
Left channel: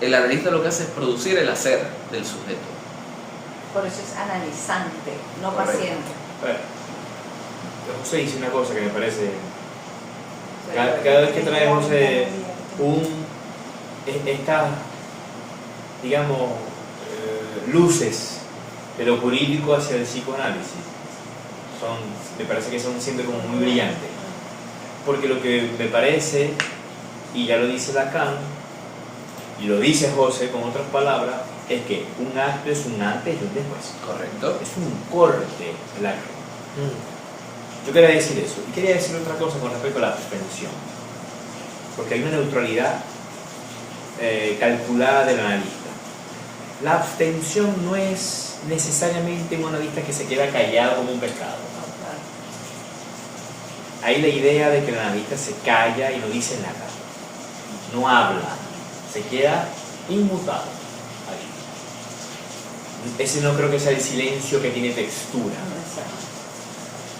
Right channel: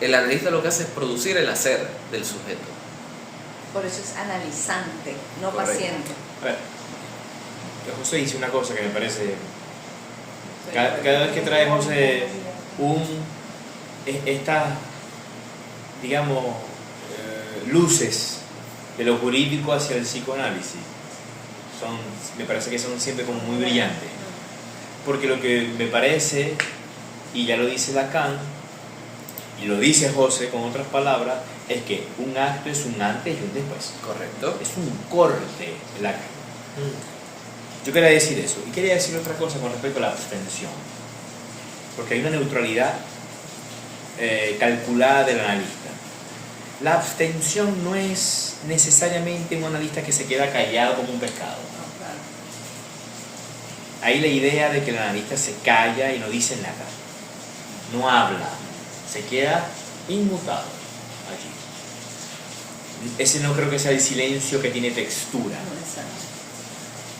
El analista lo que hace es producir el hacer del sujeto. Por eso es analizante, no Correcto. paciente. José dice una cosa que me parece. Cada vez que trae José estas, digamos, luces de lo jurídico hacia el psicoanálisis, me parece que son siempre como muy brillantes. Porque lo que me parece, y ya lo dice Lacan, y lo dice José con otras palabras, es que un acto es un antes y un después. Correcto. Es un corte el acto. Yo quería decir eso. Y quería decir otra cosa con respecto a la abstención. Porque hay una neutralidad calculada del analista. La abstención no es necesariamente un analista que se queda callado como un pescado. Hay la idea de que el analista se calla y no dice nada. No habla. Se queda inmutado allí. Ese no creo que sea el silencio que tiene textura.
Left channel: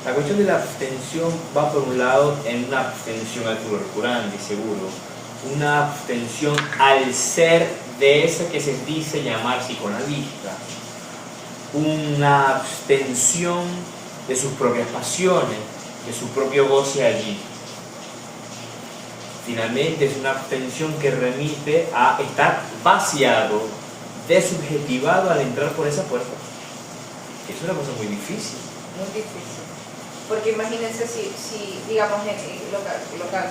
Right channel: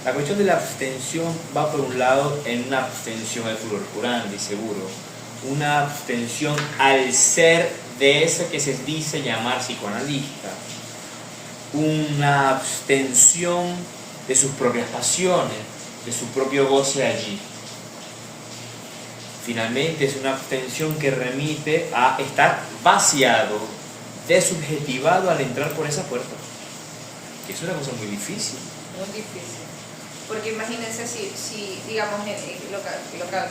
La cuestión de la abstención va por un lado en una abstención al curandi, seguro, una abstención al ser de ese que se dice llamar psicoanalista, una abstención de sus propias pasiones, de su propio goce allí. Finalmente es una abstención que remite a estar vaciado, desubjetivado al entrar por esa puerta. Es una cosa muy difícil. Muy difícil. Porque imagínense si digamos,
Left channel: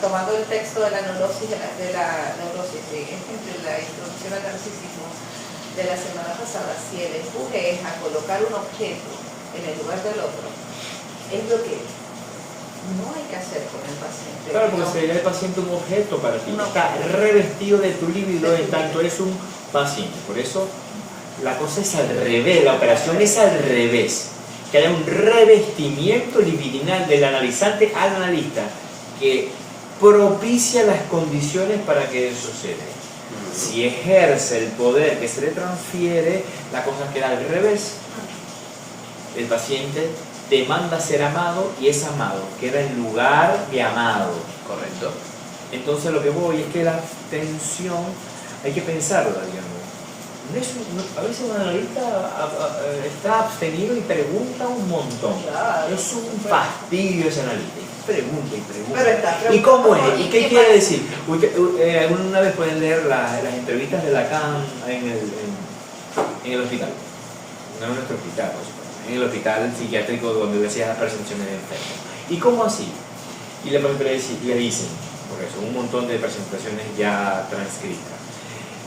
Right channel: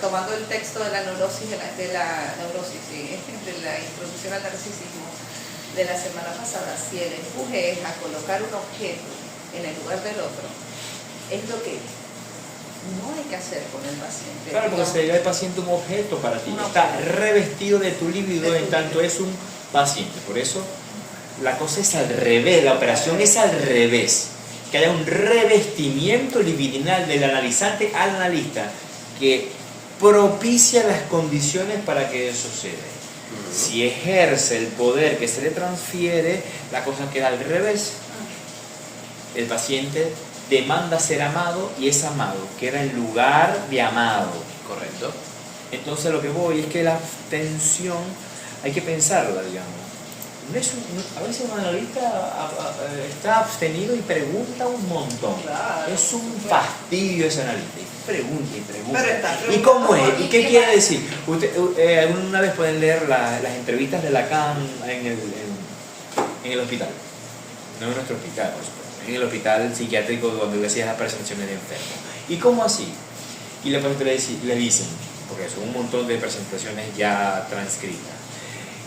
tomando el texto de la neurosis, entre la introducción al narcisismo de la semana pasada, si el empuje es a colocar un objeto en el lugar del otro, es lo que no hay que hacer con el paciente. Claro, porque sería el paciente un objeto para ti. No. Está revestido de tu libido en tanto es un paciente. Por eso la cosa es al revés, la operación es al revés. Que haya un revestimiento libidinal del analizante al analista que propicia las condiciones para que eso suceda. Si ejerce el poder que se le transfiere, la cosa queda al revés. El paciente demanda ser amado y es amado, queda en lugar de amado. Correcto. Entonces lo que voy es que la abstención hay que pensarla, digamos. a veces un analista está abstenido y pregunta un montón. Claro. Es un fastidio ese analista. Y pregunta y pregunta. Pero está ¿Y cómo es? preguntando, ¿Y qué quiere decir? Una vez pueden leer las entrevistas de Lacan en el hospital. No en nuestro hospital, por supuesto. En el hospital psiquiátrico donde hacía las presentaciones de enfermos. ¿Y cómo así? Y le dicen, porque son un montón de presentaciones ya transcritas.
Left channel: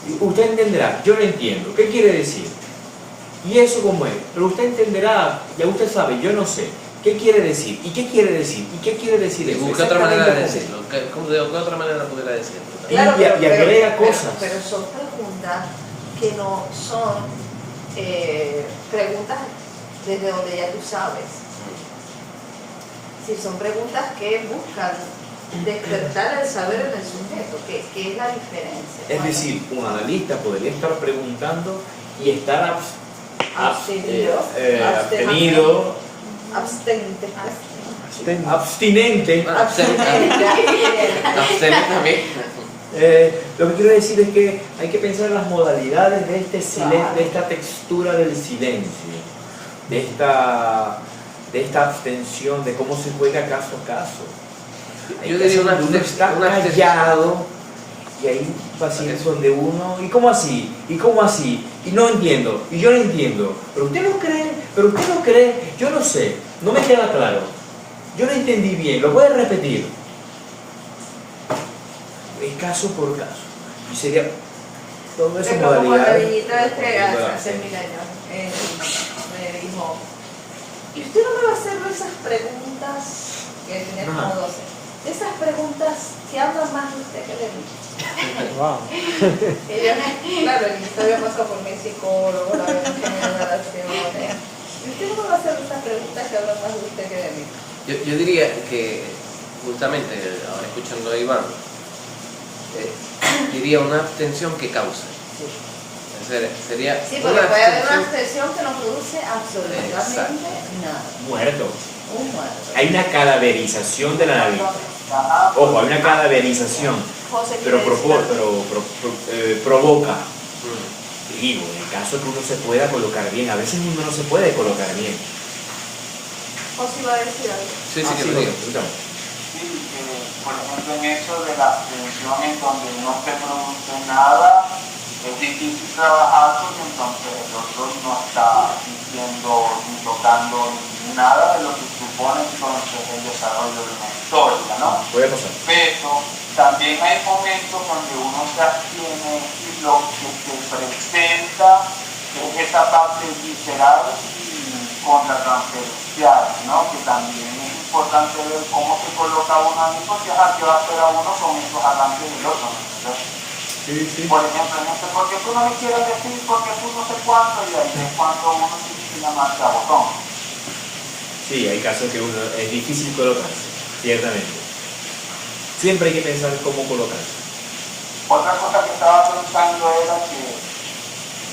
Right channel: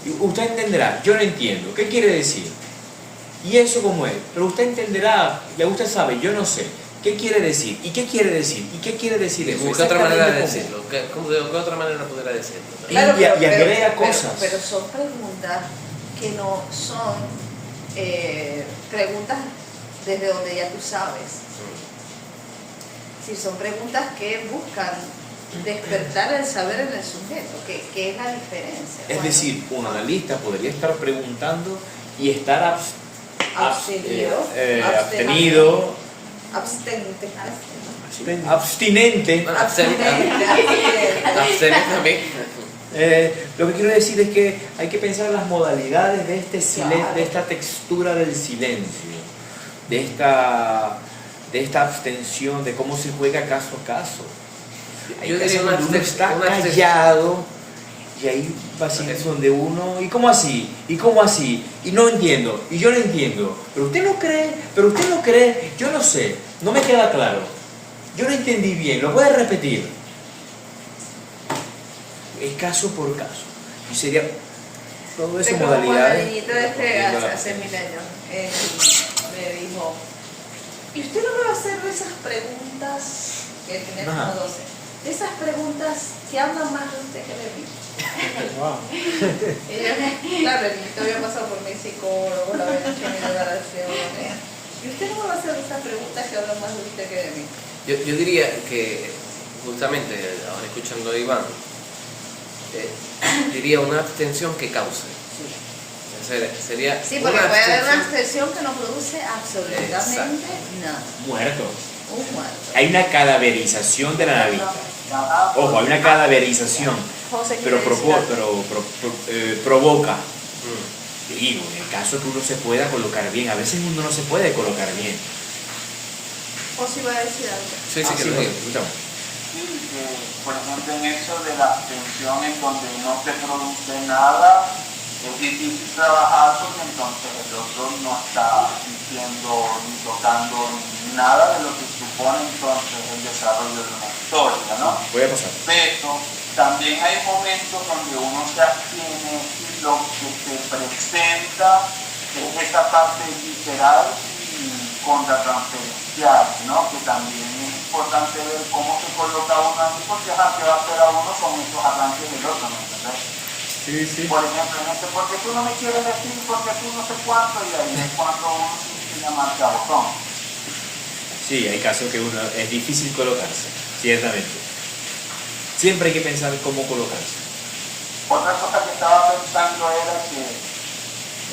Y usted entenderá, yo lo entiendo, ¿qué quiere decir? ¿Y eso cómo es? Pero usted entenderá, ya usted sabe, yo no sé, ¿qué quiere decir? ¿Y qué quiere decir? ¿Y qué quiere decir eso? ¿Qué otra manera de Exactamente decirlo? ¿De qué otra manera pudiera decirlo? Claro, y agrega cosas. Pero son preguntas que no son preguntas desde donde ya tú sabes. Si son preguntas que buscan despertar el saber en el sujeto, que es la diferencia. Es decir, un analista podría estar preguntando y estar abstenido, abstinente. Lo que quiero decir es que hay que pensar en las modalidades de este silencio, de esta textura del silencio, de esta abstención, de cómo se juega caso a caso. Hay casos donde uno está callado y hay pacientes donde uno, ¿y cómo así? ¿Y cómo así? Y no entiendo, y yo no entiendo, pero usted no cree, pero usted no cree, yo no sé, no me queda claro, yo no entendí bien, lo voy a repetir. Es caso por caso. Y sería toda esa Como la modalidad. niñita hace 1000 años me dijo, ¿y usted no me va a hacer esas preguntas que tenía como 12? Esas preguntas que hablan más de usted que de mí. Wow. Claro, yo había pasado por mi psicólogo, la había hecho mi relaciones. ¿Y usted no me va a hacer esas preguntas que hablan más de usted que de mí? Yo diría que, justamente, ahora escuchando a Iván, diría una abstención que causa. Sí. Sería Sí, porque una puede haber una abstención. abstención que no produce absolutamente nada. Muerto. Un muerto. Hay una cadaverización del analista. Ojo, hay una cadaverización, José, pero ¿qué decía? provoca. Digo, en el caso que uno se pueda colocar bien, a veces uno no se puede colocar bien. José iba a decir algo. Sí, Ah, que lo diga. permítame. Sí, por ejemplo, en eso de la abstención en donde no se produce nada, es difícil trabajar porque entonces el otro no está diciendo ni tocando nada de lo que supone entonces el desarrollo de una historia, ¿no? Puede pasar. Pero también hay momentos donde uno se abstiene y lo que se presenta es esa parte visceral y contratransferencial, ¿no? Que también es importante ver cómo se coloca uno ahí, porque es que va a esperar uno son esos arranques del otro, ¿no? Sí. Por ejemplo, en este, porque tú no me quieres decir, porque tú no sé cuánto, y ahí es cuando uno tiene que llamarse a botón. Sí, hay casos que uno es difícil colocarse, ciertamente. Siempre hay que pensar cómo colocarse. Otra cosa que estaba pensando era que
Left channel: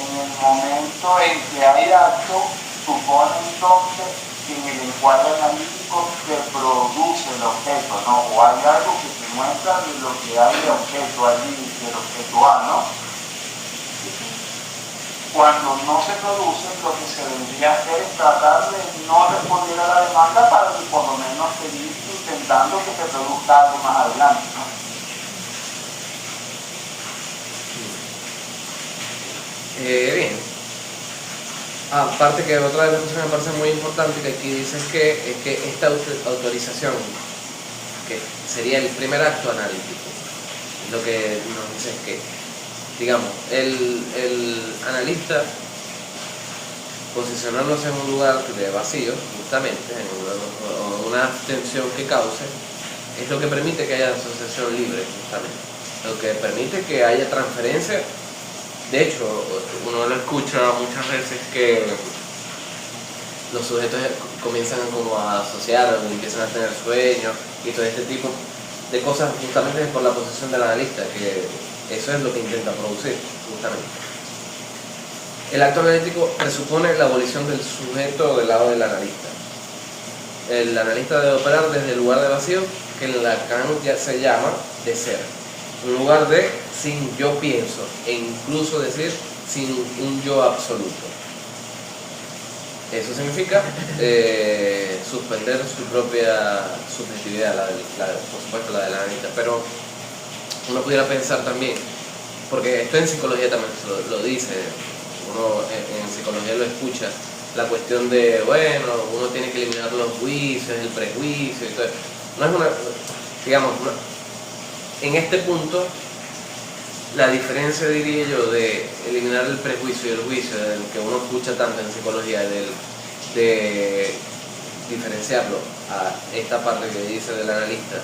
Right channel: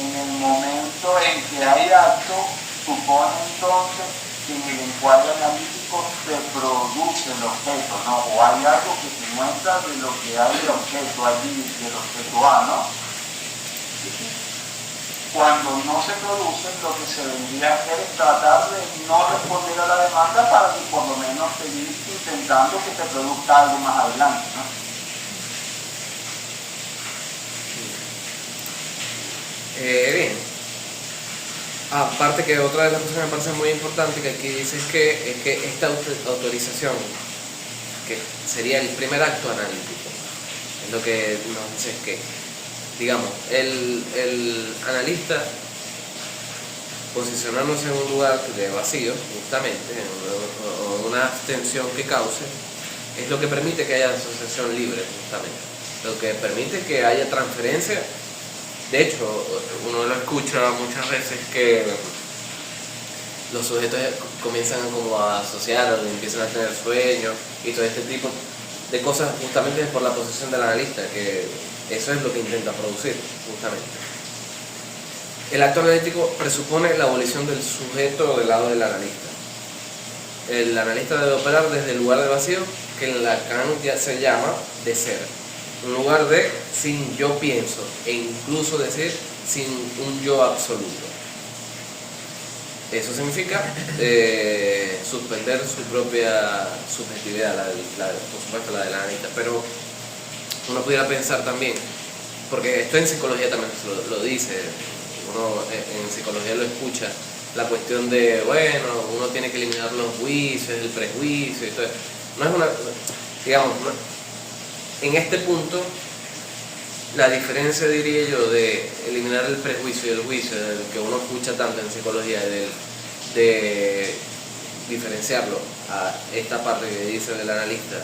en el momento en que hay acto, supone entonces que en el encuadre analítico se produce el objeto, ¿no? O hay algo que se muestra de lo que hay de objeto allí, del objeto A, ¿no? Cuando no se produce, lo que se vendría a hacer es tratar de no responder a la demanda para que por lo menos seguir intentando que se produzca algo más adelante, ¿no? Bien. Aparte que otra de las cosas que me parece muy importante que aquí dice es que esta autorización, que sería el primer acto analítico, es lo que nos dice que, digamos, el analista posicionándose en un lugar de vacío, justamente, o una abstención que cause, es lo que permite que haya asociación libre, justamente, lo que permite que haya transferencia. De hecho, uno lo escucha muchas veces que los sujetos comienzan como a asociar, o empiezan a tener sueños y todo este tipo de cosas justamente por la posición del analista, que eso es lo que intenta producir, justamente. El acto analítico presupone la abolición del sujeto del lado del analista. El analista debe operar desde el lugar de vacío, que en Lacan ya se llama de ser. Un lugar de sin yo pienso, e incluso decir sin un yo absoluto. Eso significa suspender su propia subjetividad, por supuesto la del analista, pero uno pudiera pensar también, porque esto en psicología también lo dice, uno en psicología lo escucha, la cuestión de, bueno, uno tiene que eliminar los juicios, el prejuicio y todo eso. No es una, digamos, en este punto, la diferencia, diría yo, de eliminar el prejuicio y el juicio, del que uno escucha tanto en psicología, de diferenciarlo a esta parte que dice del analista,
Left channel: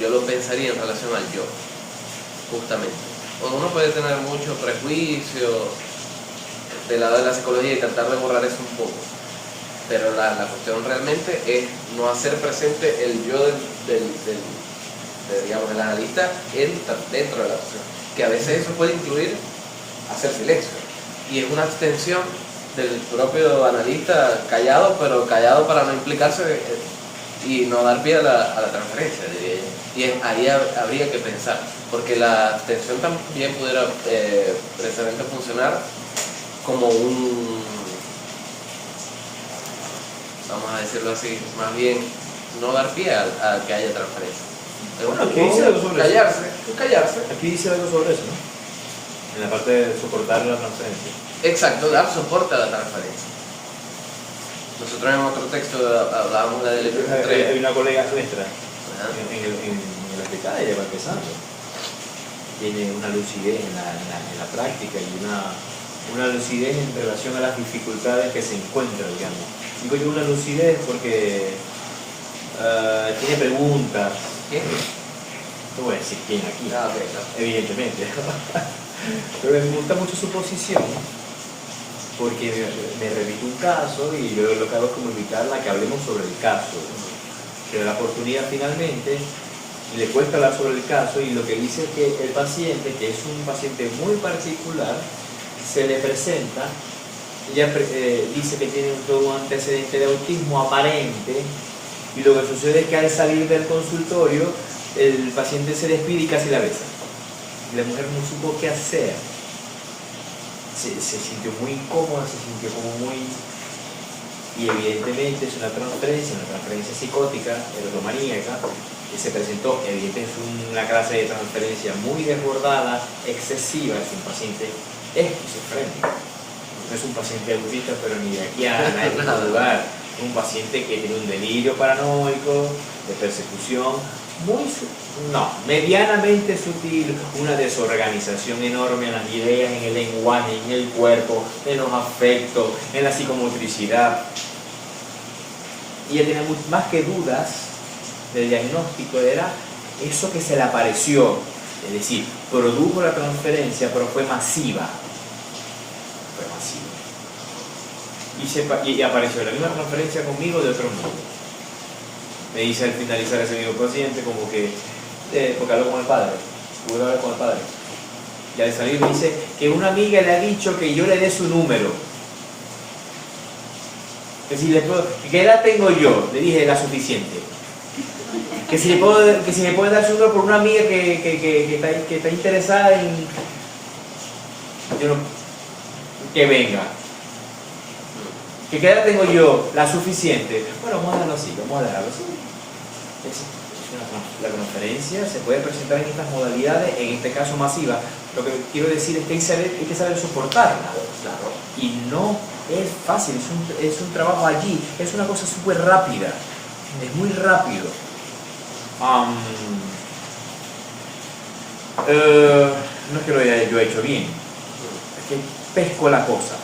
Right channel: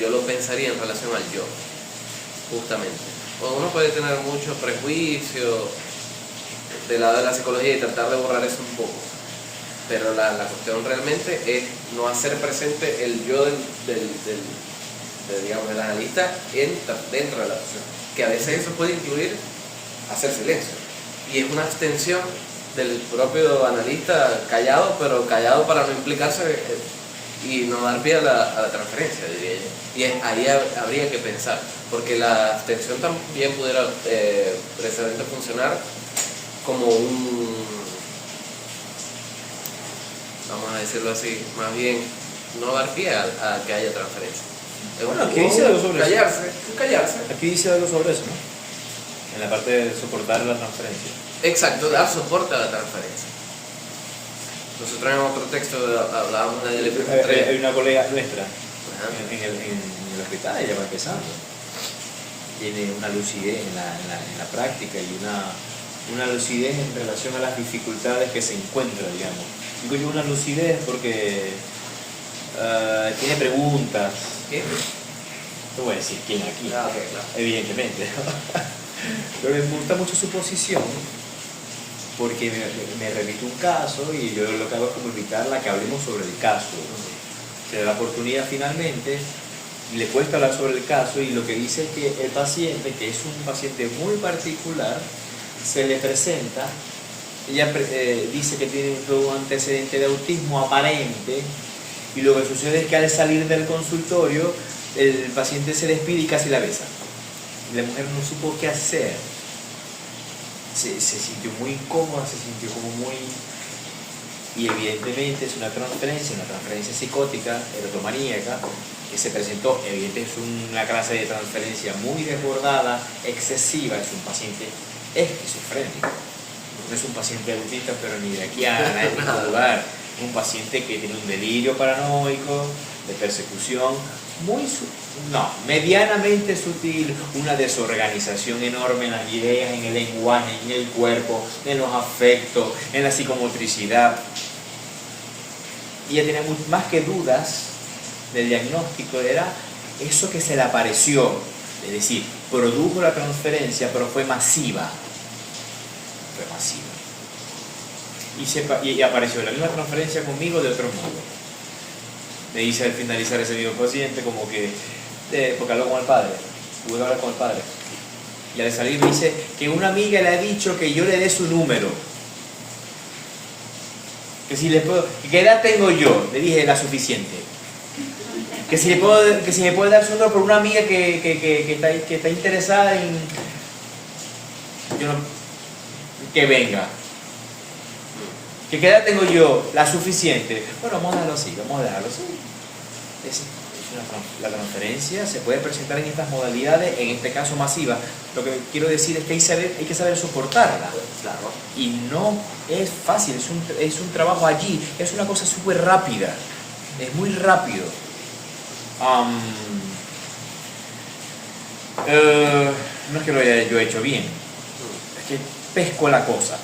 yo lo pensaría en relación al yo, justamente. Uno puede tener mucho prejuicio del lado de la psicología y tratar de borrar eso un poco, pero la cuestión realmente es no hacer presente el yo digamos, del analista dentro de la acción, que a veces eso puede incluir hacer silencio, y es una extensión del propio analista callado, pero callado para no implicarse y no dar pie a la transferencia, diría yo. Y ahí habría que pensar, porque la abstención también pudiera precisamente funcionar como vamos a decirlo así, más bien no dar pie a que haya transferencia. Bueno, aquí dice algo sobre callarse. Aquí dice algo sobre eso, ¿no? En la parte de soportar la transferencia. Exacto, dar soporte a la transferencia. Nosotros en otro texto hablábamos de Hay una colega nuestra en el hospital, ella va empezando. Tiene una lucidez en la práctica y una lucidez en relación a las dificultades que se encuentran, digamos. Digo yo una lucidez porque tiene preguntas. ¿Qué? No voy a decir quién aquí, claro. Evidentemente. Pero me gusta mucho su posición porque me repito un caso y yo lo que hago es como invitarla a que hablemos sobre el caso. Se da la oportunidad finalmente, le cuesta hablar sobre el caso y lo que dice es que el paciente, que es un paciente muy particular, se le presenta, ella dice que tiene un antecedente de autismo aparente y lo que sucede es que al salir del consultorio el paciente se despide y casi la besa. Y la mujer no supo qué hacer. Se sintió muy incómoda, se sintió como muy... Y evidentemente es una transferencia psicótica, erotomaníaca, que se presentó, evidentemente es una clase de transferencia muy desbordada, excesiva, es un paciente esquizofrénico. No es un paciente autista, pero ni de aquí a nadie tiene que dudar. Es un paciente que tiene un delirio paranoico, de persecución, medianamente sutil, una desorganización enorme en las ideas, en el lenguaje, en el cuerpo, en los afectos, en la psicomotricidad. Y ella tenía más que dudas del diagnóstico, era eso que se le apareció, es decir, produjo la transferencia, pero fue masiva. Y apareció la misma transferencia conmigo de otro modo. Me dice al finalizar ese mismo paciente como que, porque habló con el padre, pude hablar con el padre, y al salir me dice que una amiga le ha dicho que yo le dé su número, que si le puedo, ¿qué edad tengo yo? Le dije, la suficiente, que si me puede dar su número por una amiga que está interesada en que venga. ¿Qué edad tengo yo? La suficiente. Bueno, vamos a dejarlo así. La conferencia se puede presentar en estas modalidades, en este caso masiva. Lo que quiero decir es que hay que saber soportarla. Claro. Y no es fácil, es un trabajo allí, es una cosa súper rápida, es muy rápido. No es que lo haya yo hecho bien, es que pesco la cosa.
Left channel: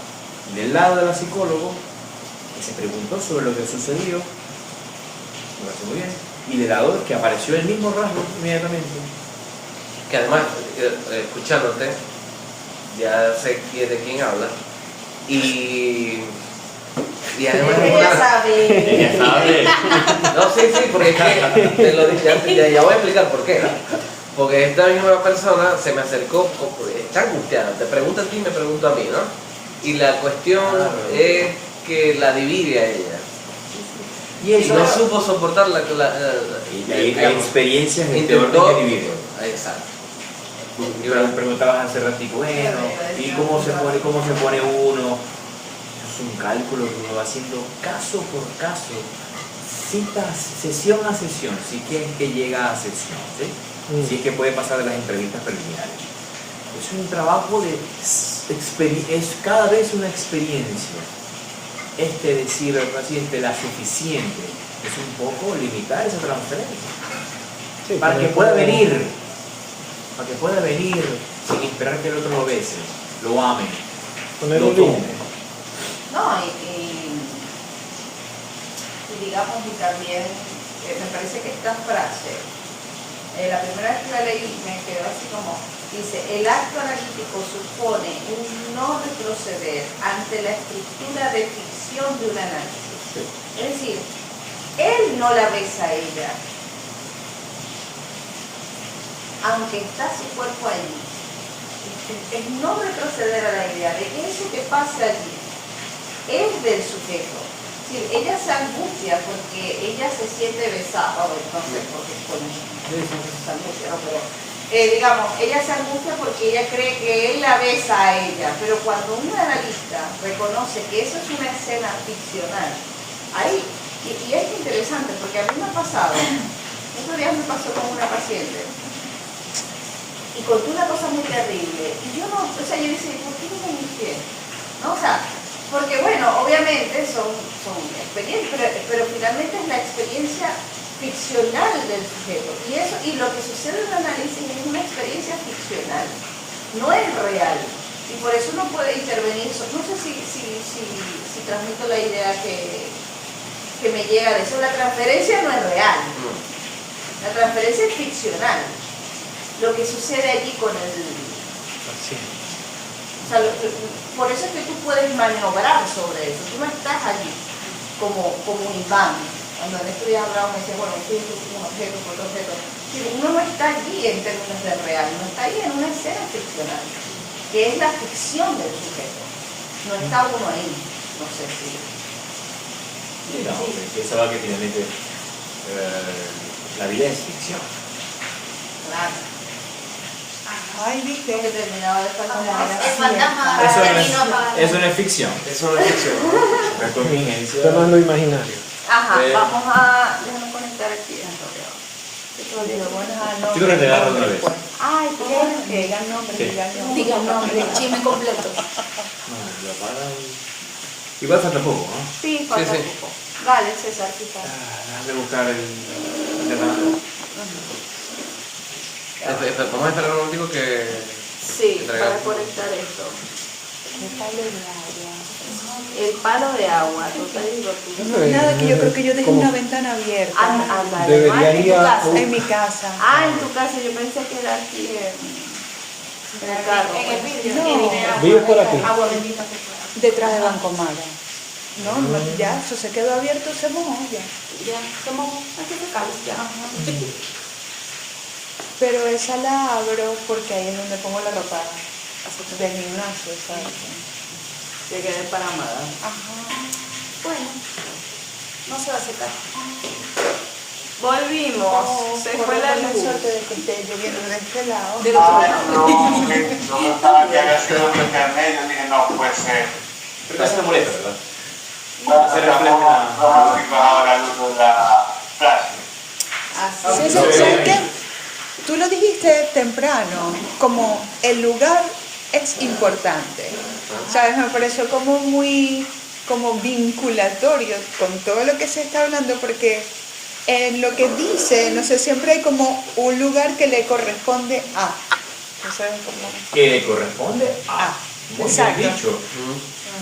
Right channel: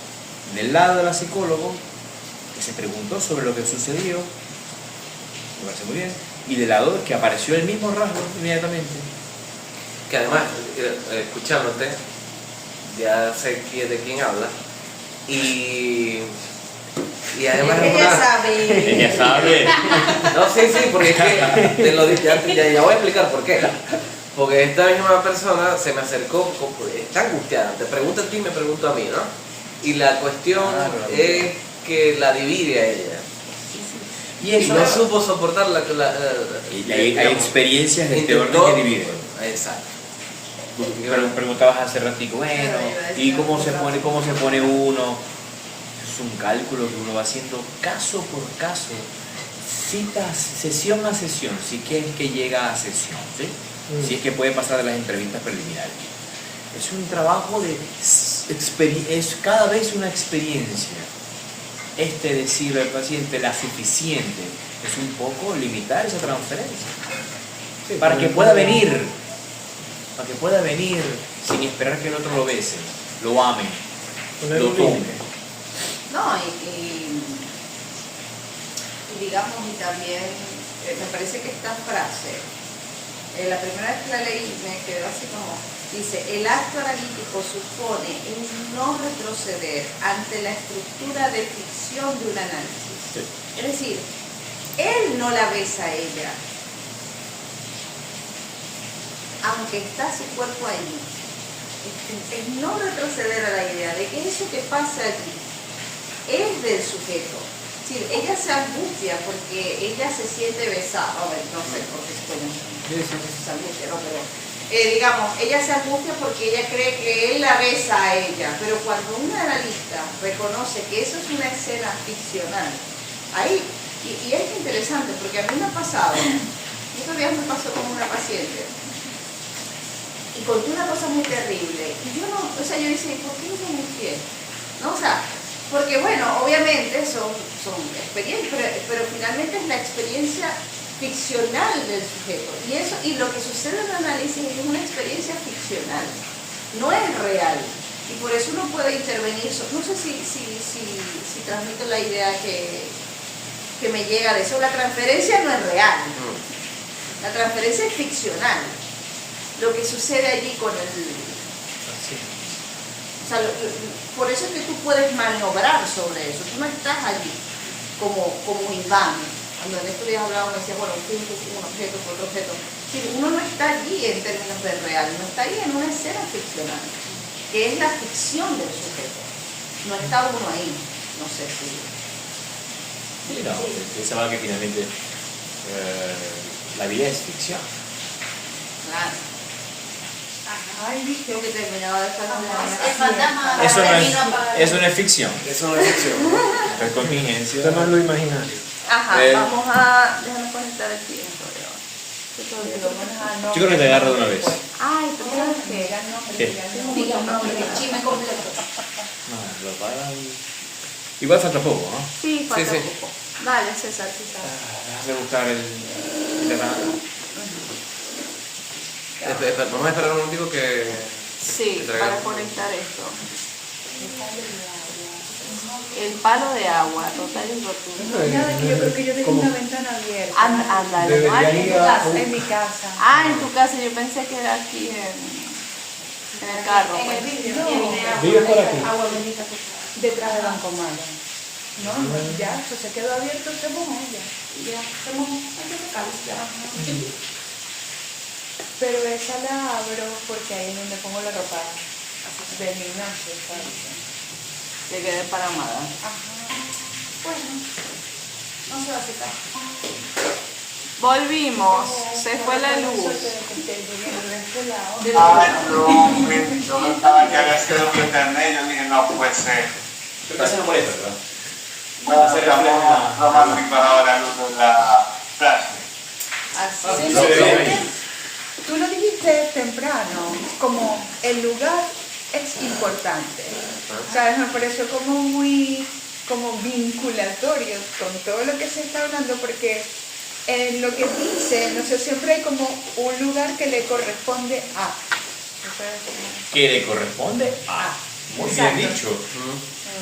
Del lado de la psicóloga, que se preguntó sobre lo que sucedió, me parece muy bien, y del lado que apareció el mismo rasgo inmediatamente. Que además, escuchándote, ya sé de quién habla, y además Ella sabe. No, sí, porque es que te lo dije, ya voy a explicar por qué. Porque esta misma persona se me acercó, está angustiada, te pregunta a ti y me pregunta a mí, ¿no? Y la cuestión es que la divide a ella. Y no supo soportar hay experiencias de este orden que dividen. Exacto. Preguntabas hace ratito, bueno, ¿y cómo se pone uno? Es un cálculo que uno va haciendo caso por caso, sesión a sesión, si es que llega a sesión, ¿sí? Si es que puede pasar de las entrevistas preliminares. Es un trabajo es cada vez una experiencia. Decir al paciente la suficiente es un poco limitar esa transferencia. Sí, para que pueda venir sin esperar que el otro lo bese, lo ame, poner lo un tome. límite. No, y digamos, y también me parece que esta frase, la primera vez que la leí me quedé así como, dice, el acto analítico supone un no retroceder ante la estructura de ficción de un análisis. Sí. Es decir, él no la besa a ella, aunque está su cuerpo allí. Es no retroceder a la idea de que eso que pase allí es del sujeto. Sí, ella se angustia porque ella se siente besada, o no sé por qué se pone esa angustia, ¿no? Pero digamos, ella se angustia porque ella cree que él la besa a ella, pero cuando un analista reconoce que eso es una escena ficcional, ahí, y es interesante porque a mí me ha pasado, estos días me pasó con una paciente, y contó una cosa muy terrible, y yo no, o sea, yo decía, ¿por qué no me angustié? ¿No? O sea, porque bueno, obviamente son experiencias, pero finalmente es la experiencia ficcional del sujeto. Y lo que sucede en el análisis es una experiencia ficcional, no es real. Y por eso uno puede intervenir. No sé si transmito la idea que me llega de eso. La transferencia no es real. La transferencia es ficcional. Lo que sucede allí con el... O sea, por eso es que tú puedes maniobrar sobre eso. Tú no estás allí como un imán. Cuando en estos días hablaba me decía, bueno, esto es un objeto, otro objeto. Sí, uno no está allí en términos de real, uno está allí en una escena ficcional, que es la ficción del sujeto. No está uno ahí, no sé si... Sí, no, pensaba que finalmente la vida es ficción. Claro. Ay, viste. Tengo que terminar de esta manera. El fantasma Eso terminó apagando. no es ficción, Eso no es ficción. es contingencia. Esto no es lo imaginario. Ajá, vamos a... Déjame conectar aquí. Yo creo que te agarro de una vez. Ay, ¿por qué no pega? No, pero ¿Qué? Diga el nombre, el chisme completo. No, lo paran. Igual falta poco, ¿no? Sí, falta Sí. poco. Vale, César, quizás. Déjame buscar el Vamos a esperar un momentico que... Sí, para conectar esto. El palo de agua, total invertido. Nada, que yo creo que yo dejé ¿Cómo? una ventana abierta. Ándale. Debería En tu ir a casa. En mi casa. En tu casa, yo pensé que era aquí en el carro. En el pues. vidrio. No. ¿Vives por aquí? Agua bendita que trae. Detrás de Banco Maya. No, ya, eso se quedó abierto, se mojó ya. Ya, somos locales ya. Pero esa la abro porque ahí es donde pongo la ropa del gimnasio, ¿sabes? De quedar paramada. Ajá. Bueno, no se va a secar. Volvimos, se fue la luz. Suerte de que esté lloviendo de este lado. Yo me estaba ya haciendo en internet, yo dije, no puede ser. Pero casi no molesta, ¿verdad? Bueno, Hacer estamos reflejo. románticos ahora el uso de la plástico. Así Sí, es. sí, sí, tú lo dijiste temprano, como el lugar es importante. ¿Sabes? Me pareció como muy como vinculatorio con todo lo que se está hablando, porque en lo que dice, no sé, siempre hay como un lugar que le corresponde a. ¿Sabes? Como... Que le corresponde a. Muy bien Exacto. dicho.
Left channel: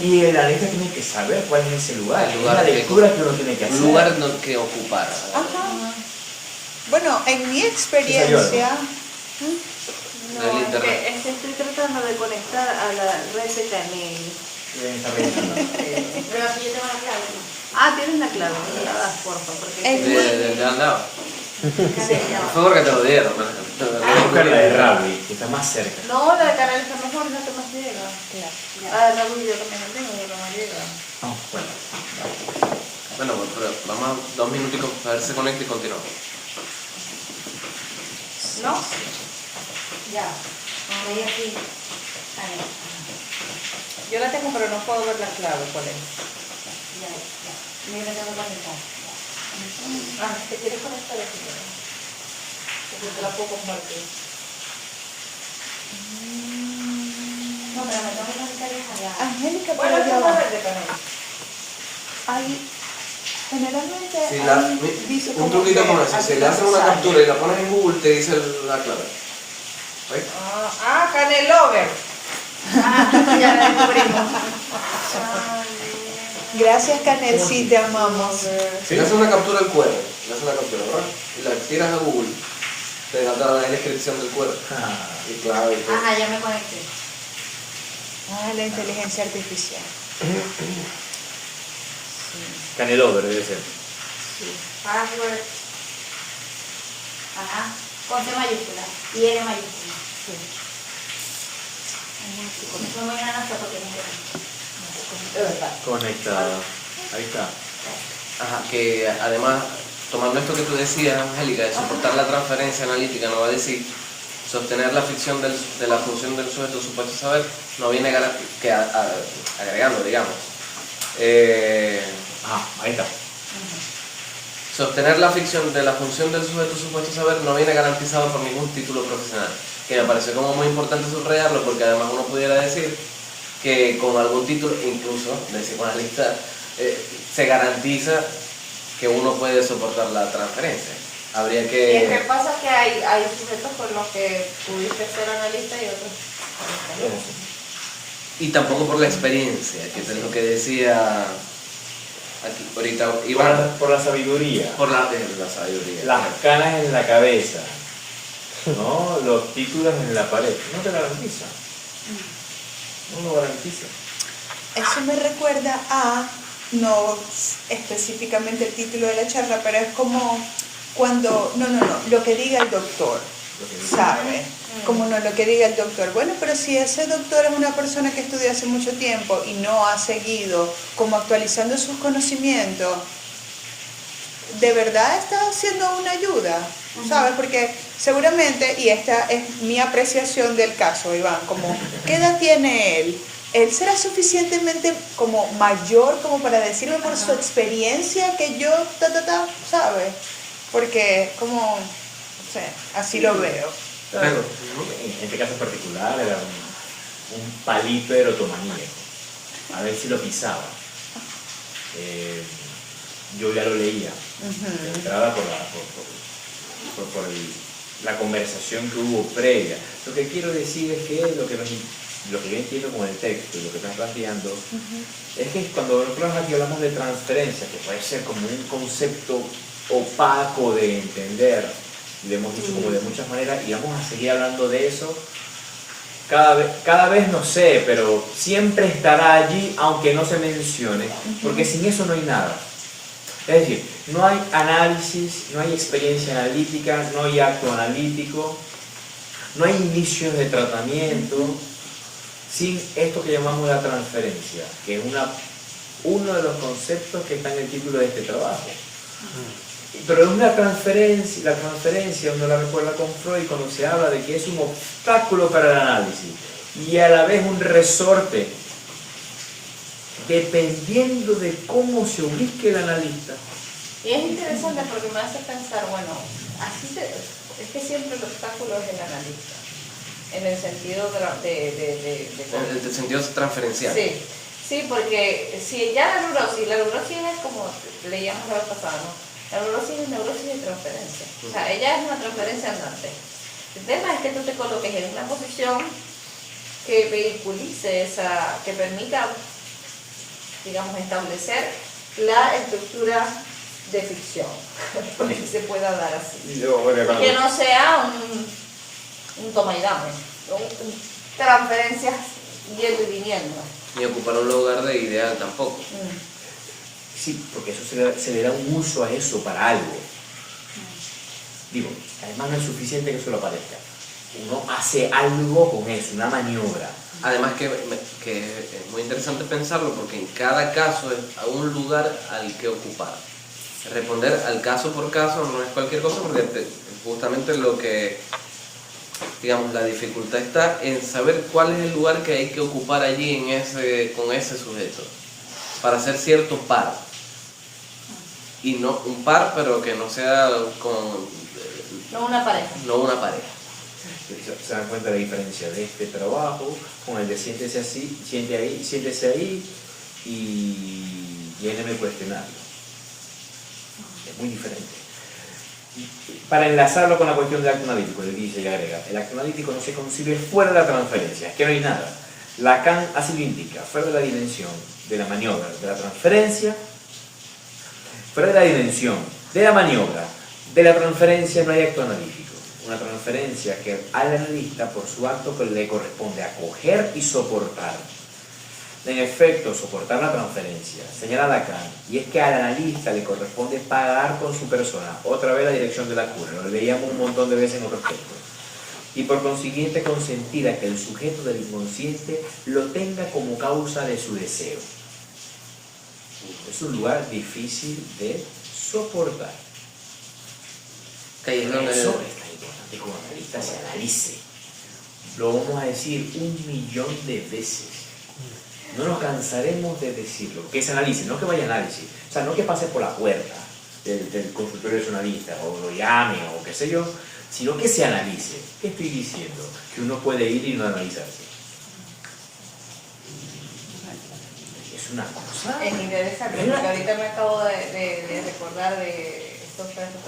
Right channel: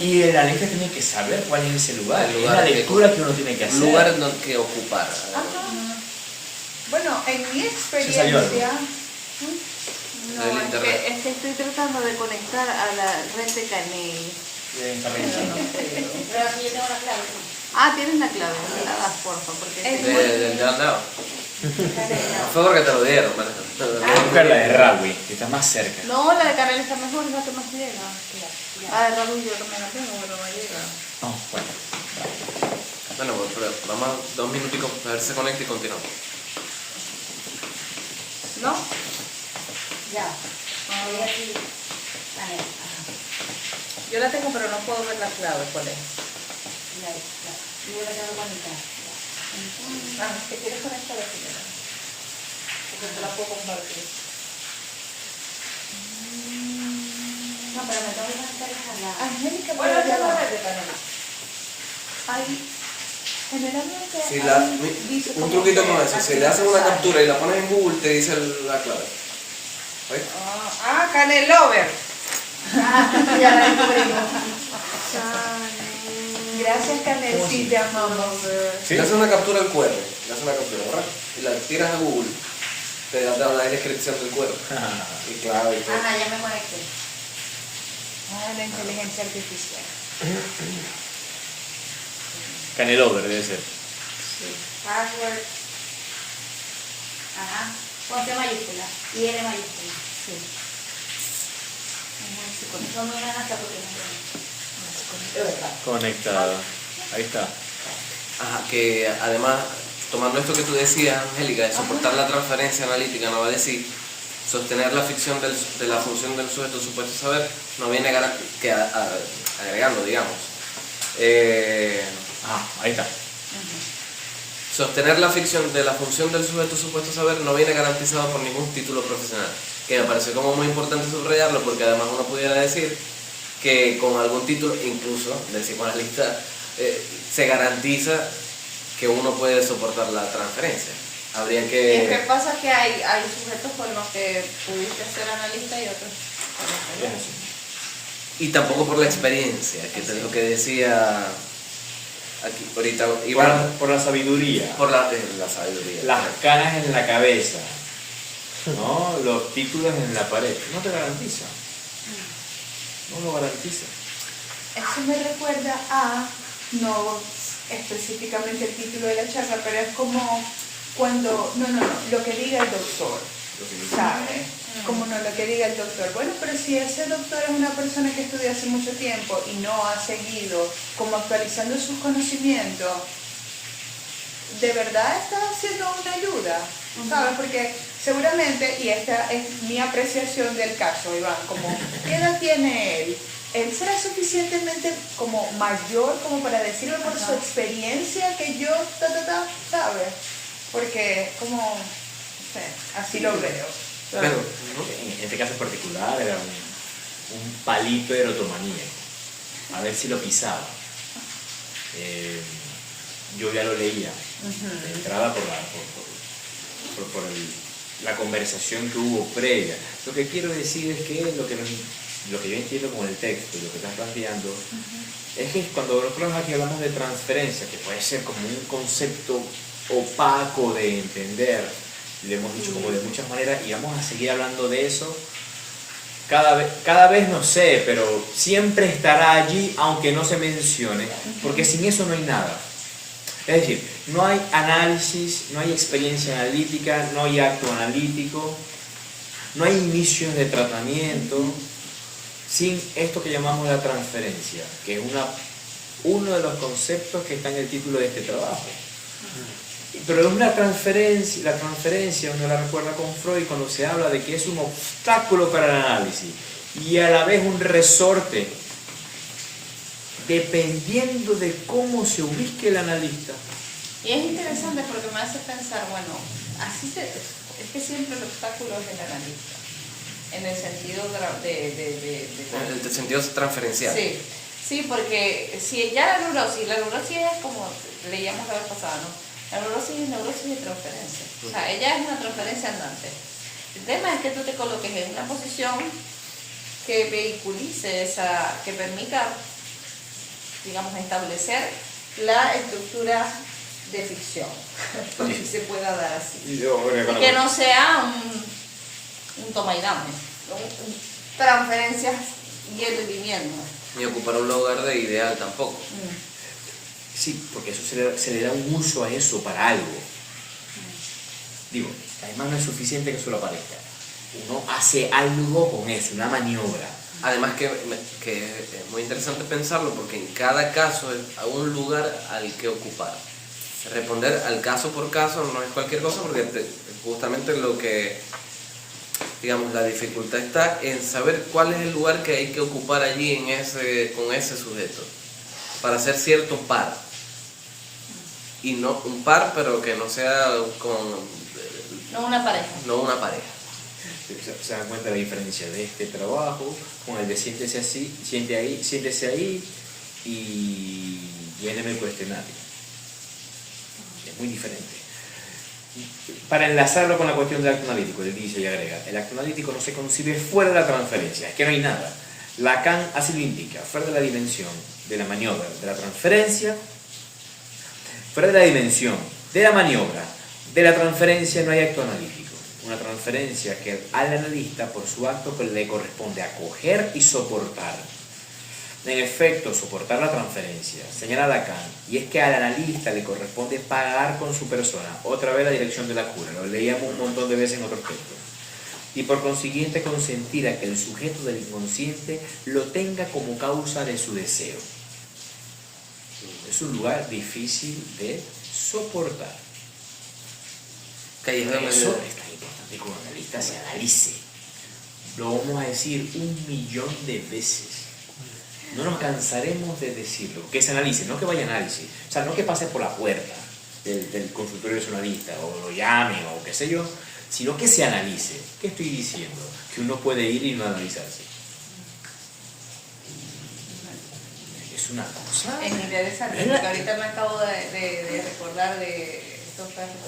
Y el analista tiene que saber cuál es ese lugar. El Es lugar la que- lectura que uno tiene que hacer. Un lugar que ocupar. Ajá. Bueno, en mi Se experiencia, salió algo. No, es que estoy tratando de conectar a la red de Canel. Ven, Carlita. Pero si yo tengo la clave. Tienes la clave, me la das, por favor. Porque En De al lado. Por favor, que te lo dieron. Voy a buscar la de Rawi, que está más cerca. No, la de Canel está mejor, es la que más llega. Claro. La luz yo lo que no tengo, yo no llega. No, bueno. Bueno, pero vamos 2 minuticos a ver si se conecta y continuamos. ¿No? Ya. Ahí aquí. Ahí. Yo la tengo, pero no puedo ver la clave, ¿cuál es? Ya. Yo la tengo conectada. ¿Te quieres conectar aquí? Porque te la puedo compartir. No, pero me tengo que conectar allá. Angélica, Bueno, pero es ya la va. verde, Canela. Hay, generalmente Si dice un como truquito que con eso, si le haces una sale. captura y la pones en Google, te dice la clave. ¿Ves? Canelover. Ya la descubrimos. Gracias, Canel, sí, te amamos. Le haces una captura al QR, le haces una captura, ¿verdad? Y la tiras a Google, te da la descripción del QR. Y clave y todo. Ajá, ya me conecté. La inteligencia artificial. Canelover debe ser. Password. Ajá. Con C mayúscula y L mayúscula. Sí. Fue muy gran hasta porque no De verdad. Conectado. Ahí está. Ajá, que además, tomando esto que tú decías, Angélica, de soportar la transferencia analítica, no va a decir sostener la ficción de la función del sujeto supuesto saber, no viene agregando, digamos. Ahí está. Sostener la ficción de la función del sujeto supuesto saber no viene garantizado por ningún título profesional, que me parece como muy importante subrayarlo, porque además uno pudiera decir que con algún título, incluso del psicoanalista, se garantiza que uno puede soportar la transferencia. Habría Y es que... que pasa que hay sujetos con los que pudiste ser analista y otros con los que no. Y tampoco por la experiencia, que es lo que decía aquí ahorita Iván, Por la sabiduría. por la sabiduría. Las canas en la cabeza. ¿No? Los títulos en la pared. No te garantiza. No lo garantiza. Eso me recuerda a, no específicamente el título de la charla, pero es como cuando, lo que diga el doctor, ¿sabe? Como no lo que diga el doctor. Bueno, pero si ese doctor es una persona que estudió hace mucho tiempo y no ha seguido como actualizando sus conocimientos, ¿de verdad está haciendo una ayuda? ¿Sabes? Porque seguramente, y esta es mi apreciación del caso, Iván, como, ¿qué edad tiene él? ¿Él será suficientemente como mayor como para decirme por su experiencia que yo, ¿sabes? Porque como, no sé, así lo veo. Claro, en este caso en particular era un palito de erotomanía. A ver si lo pisaba. Yo ya lo leía. De entrada por la conversación que hubo previa. Lo que quiero decir es que lo que yo entiendo con el texto, lo que estás planteando, es que cuando nosotros aquí hablamos de transferencia, que puede ser como un concepto opaco de entender, lo hemos dicho como de muchas maneras, y vamos a seguir hablando de eso cada vez no sé, pero siempre estará allí aunque no se mencione, porque sin eso no hay nada. Es decir, no hay análisis, no hay experiencia analítica, no hay acto analítico, no hay inicios de tratamiento sin esto que llamamos la transferencia, que es uno de los conceptos que está en el título de este trabajo. Pero es una transferencia, la transferencia uno la recuerda con Freud cuando se habla de que es un obstáculo para el análisis y a la vez un resorte, dependiendo de cómo se ubique el analista. Y es interesante porque me hace pensar, bueno, es que siempre el obstáculo es el analista, en el sentido En el sentido transferencial. Sí, sí, porque si ya la neurosis es como leíamos la vez pasada, ¿no? La neurosis es neurosis de transferencia. O sea, ella es una transferencia andante. El tema es que tú te coloques en una posición que vehiculice que permita, digamos, establecer la estructura de ficción, que se pueda dar así. Y que no sea un toma y dame, transferencias yendo y viniendo. Ni ocupar un lugar de ideal tampoco. Sí, porque eso se le da un uso a eso para algo. Digo, además no es suficiente que solo aparezca. Uno hace algo con eso, una maniobra. Además que es muy interesante pensarlo porque en cada caso es a un lugar al que ocupar. Responder al caso por caso no es cualquier cosa porque justamente lo que digamos, la dificultad está en saber cuál es el lugar que hay que ocupar allí con ese sujeto, para hacer cierto par. Y no un par, pero que no sea No una pareja. no una pareja. Se dan cuenta de la diferencia de este trabajo con el de siéntese ahí y déjeme cuestionarlo. Es muy diferente. Para enlazarlo con la cuestión del acto analítico, él dice y agrega, el acto analítico no se concibe fuera de la transferencia, es que no hay nada. Lacan así lo indica, fuera de la dimensión de la maniobra, de la transferencia, fuera de la dimensión de la maniobra, de la transferencia no hay acto analítico. Una transferencia que al analista por su acto le corresponde acoger y soportar. En efecto, soportar la transferencia, señala Lacan, y es que al analista le corresponde pagar con su persona, otra vez la dirección de la cura, lo leíamos un montón de veces en otros textos, y por consiguiente consentir a que el sujeto del inconsciente lo tenga como causa de su deseo. Es un lugar difícil de soportar. Por eso es tan importante que un analista se analice. Lo vamos a decir 1.000.000 de veces. No nos cansaremos de decirlo, que se analice, no que vaya a análisis, o sea, no que pase por la puerta del consultorio de su analista, o lo llame, o qué sé yo, sino que se analice. ¿Qué estoy diciendo? Que uno puede ir y no analizarse. Es una cosa. Es interesante, porque ahorita me acabo de recordar de estos casos,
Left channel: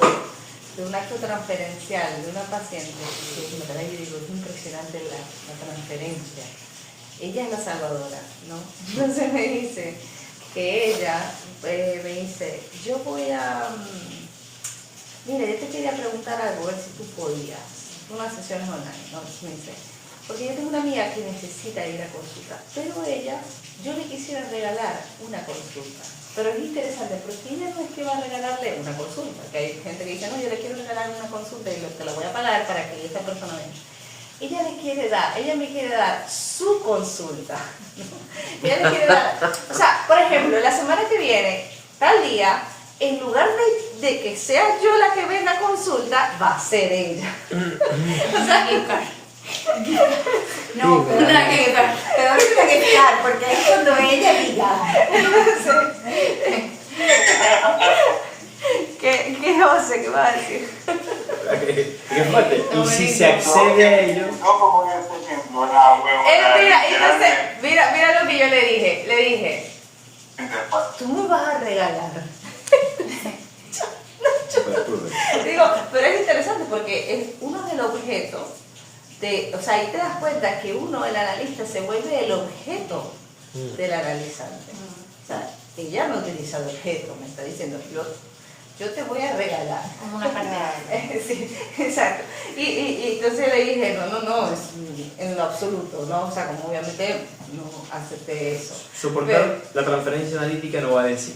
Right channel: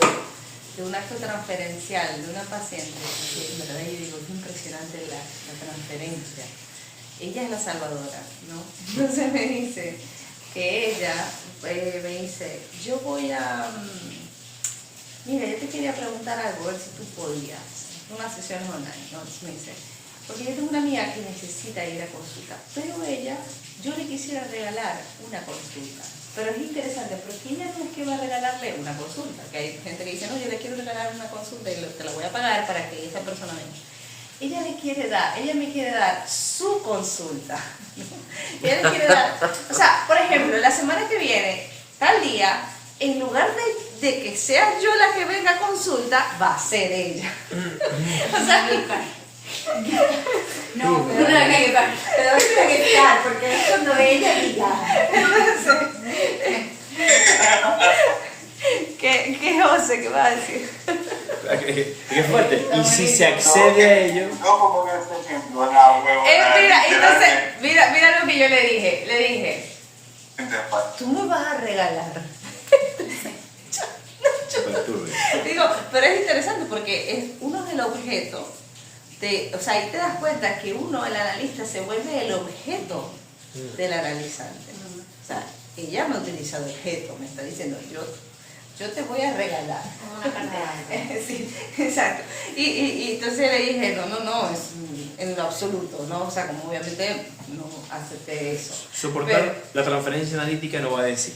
de un acto transferencial de una paciente, que en verdad yo digo, es impresionante la transferencia. Ella es la salvadora, ¿no? Entonces me dice que ella me dice, yo voy a... mira, yo te quería preguntar algo, a ver si tú podías. Unas sesiones online, ¿no? Me dice, porque yo tengo una amiga que necesita ir a consulta, pero ella, yo le quisiera regalar una consulta. Pero es interesante, porque ella no es que va a regalarle una consulta, que hay gente que dice, no, yo le quiero regalar una consulta y te la voy a pagar para que esta persona venga. Ella me quiere dar su consulta. Ella le quiere dar, o sea, por ejemplo, la semana que viene, tal día, en lugar de que sea yo la que venga a consulta, va a ser ella. O sea, no, pero ahorita que fijar, porque es cuando ella diga. ¿Qué José? ¿Qué va a decir? Qué fuerte. Y si se accede a ello. No como en este ejemplo, la huevona. Mira lo que yo le dije. Le dije, tú me vas a regalar. Digo, pero es interesante porque uno es el objeto. O sea, ahí te das cuenta que uno, el analista, se vuelve el objeto del analizante. O sea, ella no utiliza el objeto, me está diciendo, yo te voy a regalar. Como una cartera. Sí, exacto. Y entonces le dije, no, es en lo absoluto, ¿no? O sea, como obviamente no acepté eso. Soportar la transferencia analítica no va a decir.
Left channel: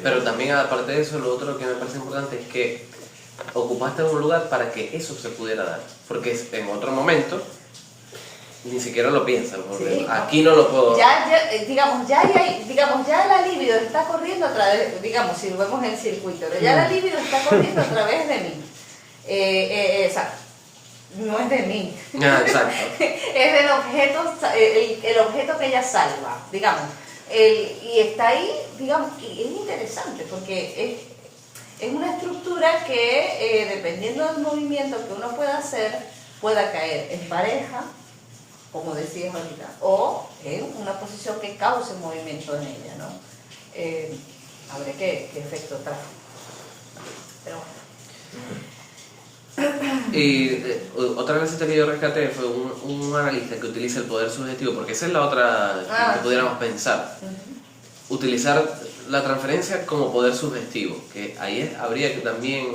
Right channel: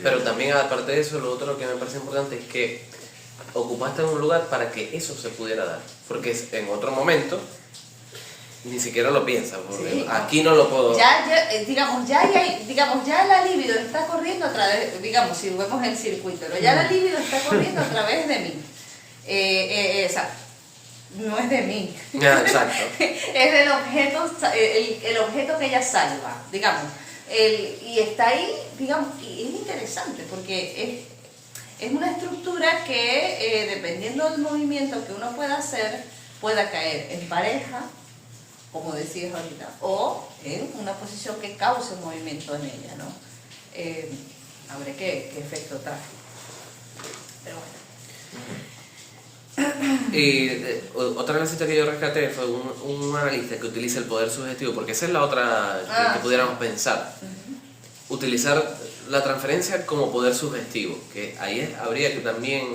Pero también, aparte de eso, lo otro que me parece importante es que ocupaste en un lugar para que eso se pudiera dar. Porque en otro momento ni siquiera lo piensas, porque sí, aquí no lo puedo... Ya la libido está corriendo a través, digamos, si vemos el circuito, pero ya la libido está corriendo a través de mí. O sea, no es de mí. Exacto. Es del objeto, el objeto que ella salva, digamos. Y está ahí, digamos, y es interesante porque es una estructura que, dependiendo del movimiento que uno pueda hacer, pueda caer en pareja, como decías ahorita, o en una posición que cause movimiento en ella, ¿no? A ver qué efecto trae. Pero bueno. Y otra cosita que yo rescaté fue un analista que utiliza el poder subjetivo, porque esa es la otra que pudiéramos pensar. Utilizar la transferencia como poder subjetivo, que ahí habría que también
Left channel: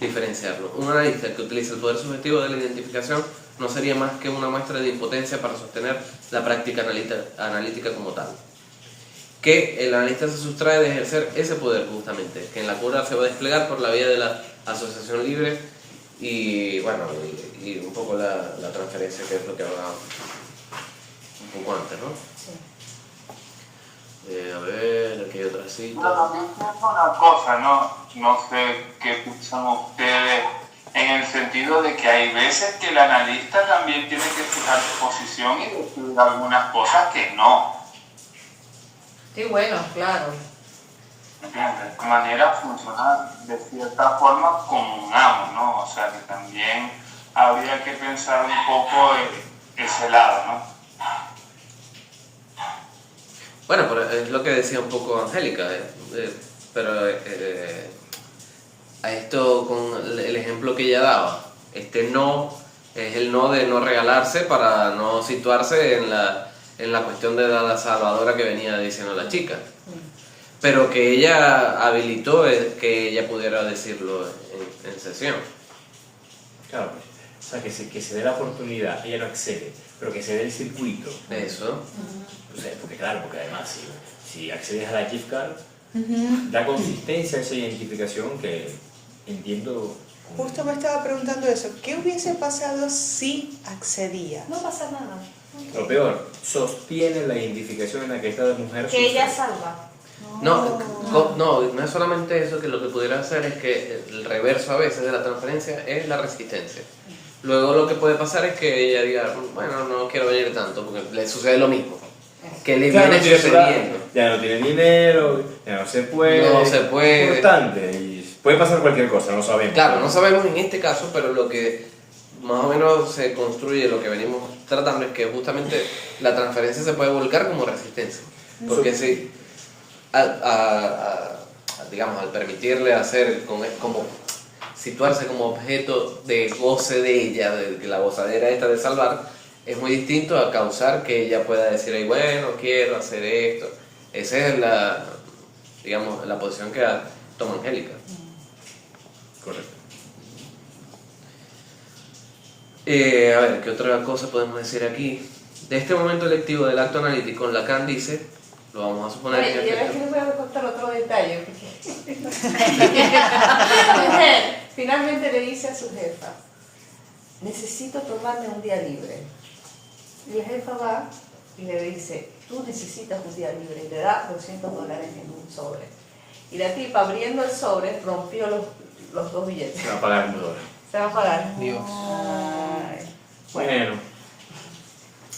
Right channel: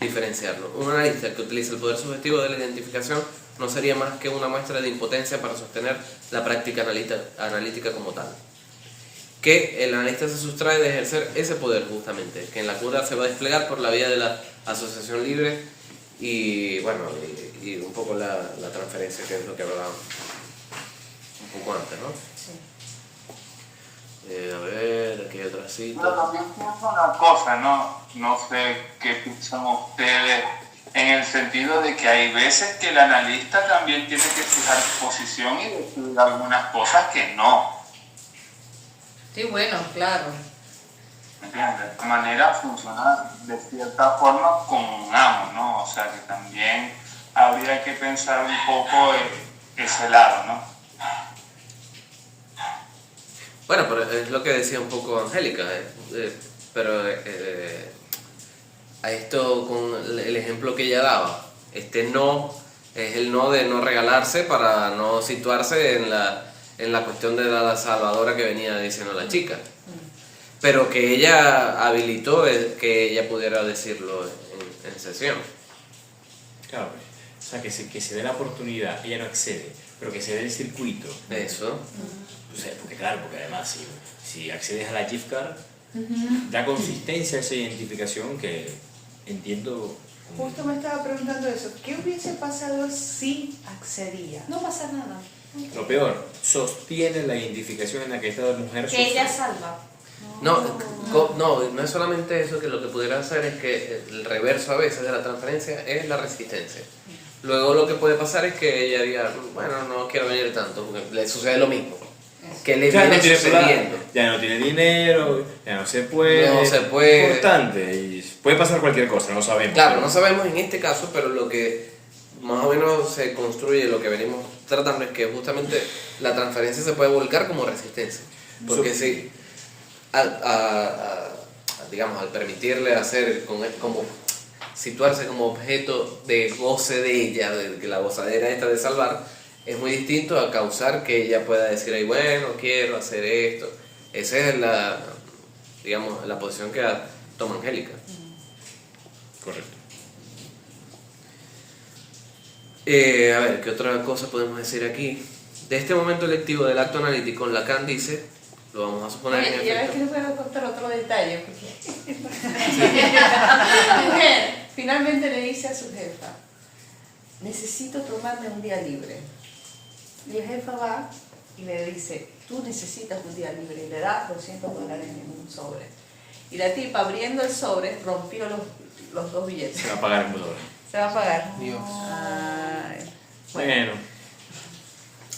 diferenciarlo. Un analista que utiliza el poder subjetivo de la identificación no sería más que una muestra de impotencia para sostener la práctica analítica como tal. Que el analista se sustrae de ejercer ese poder justamente, que en la cura se va a desplegar por la vía de la asociación libre y, bueno, y un poco la transferencia, que es lo que hablábamos un poco antes, ¿no? Sí. A ver, aquí hay otra cita. Pero también pienso una cosa, no sé qué piensan ustedes en el sentido de que hay veces que el analista también tiene que fijar su posición y decir algunas cosas que no. Sí, bueno, claro. ¿Entiendes? De esta manera funciona de cierta forma como un amo, ¿no? O sea que también habría que pensar un poco ese lado, ¿no? Bueno, pero es lo que decía un poco Angélica, pero a esto con el ejemplo que ella daba, este no es el no de no regalarse para no situarse en la cuestión de la salvadora que venía diciendo la chica, pero que ella habilitó que ella pudiera decirlo en sesión. Claro, o sea, que se dé la oportunidad, ella no accede, pero que se dé el circuito. Eso. O sea, porque claro, porque además si accedes a la gift card, da consistencia a esa identificación que entiendo. Justo me estaba preguntando eso. ¿Qué hubiese pasado si accedía? No pasa nada. Lo peor, sostiene la identificación en la que esta mujer Que ella sufre. salva. No es solamente eso, que lo que pudiera hacer es que el reverso a veces de la transferencia es la resistencia. Luego lo que puede pasar es que ella diga, bueno, no quiero venir tanto, porque le sucede lo mismo. Que le Ya no viene tiene sucediendo. plata, ya no tiene dinero, ya no se puede. No se puede. Importante, y puede pasar cualquier cosa, no sabemos. Claro, no sabemos en este caso, pero lo que más o menos se construye, lo que venimos tratando es que justamente la transferencia se puede volcar como resistencia. Porque si, digamos, al permitirle hacer como situarse como objeto de goce de ella, de la gozadera esta de salvar, es muy distinto a causar que ella pueda decir, ay, bueno, quiero hacer esto. Esa es digamos, la posición que toma Angélica. Correcto. A ver, ¿qué otra cosa podemos decir aquí? De este momento electivo del acto analítico, Lacan dice, lo vamos a suponer Oye, que yo es que les voy a contar otro detalle. La mujer finalmente le dice a su jefa, necesito tomarme un día libre. Y la jefa va y le dice, tú necesitas un día libre, y le da $200 en un sobre. Y la tipa, abriendo el sobre, rompió los dos billetes. Se va a pagar en $1. Se va a pagar. Dios. Ay. Bueno.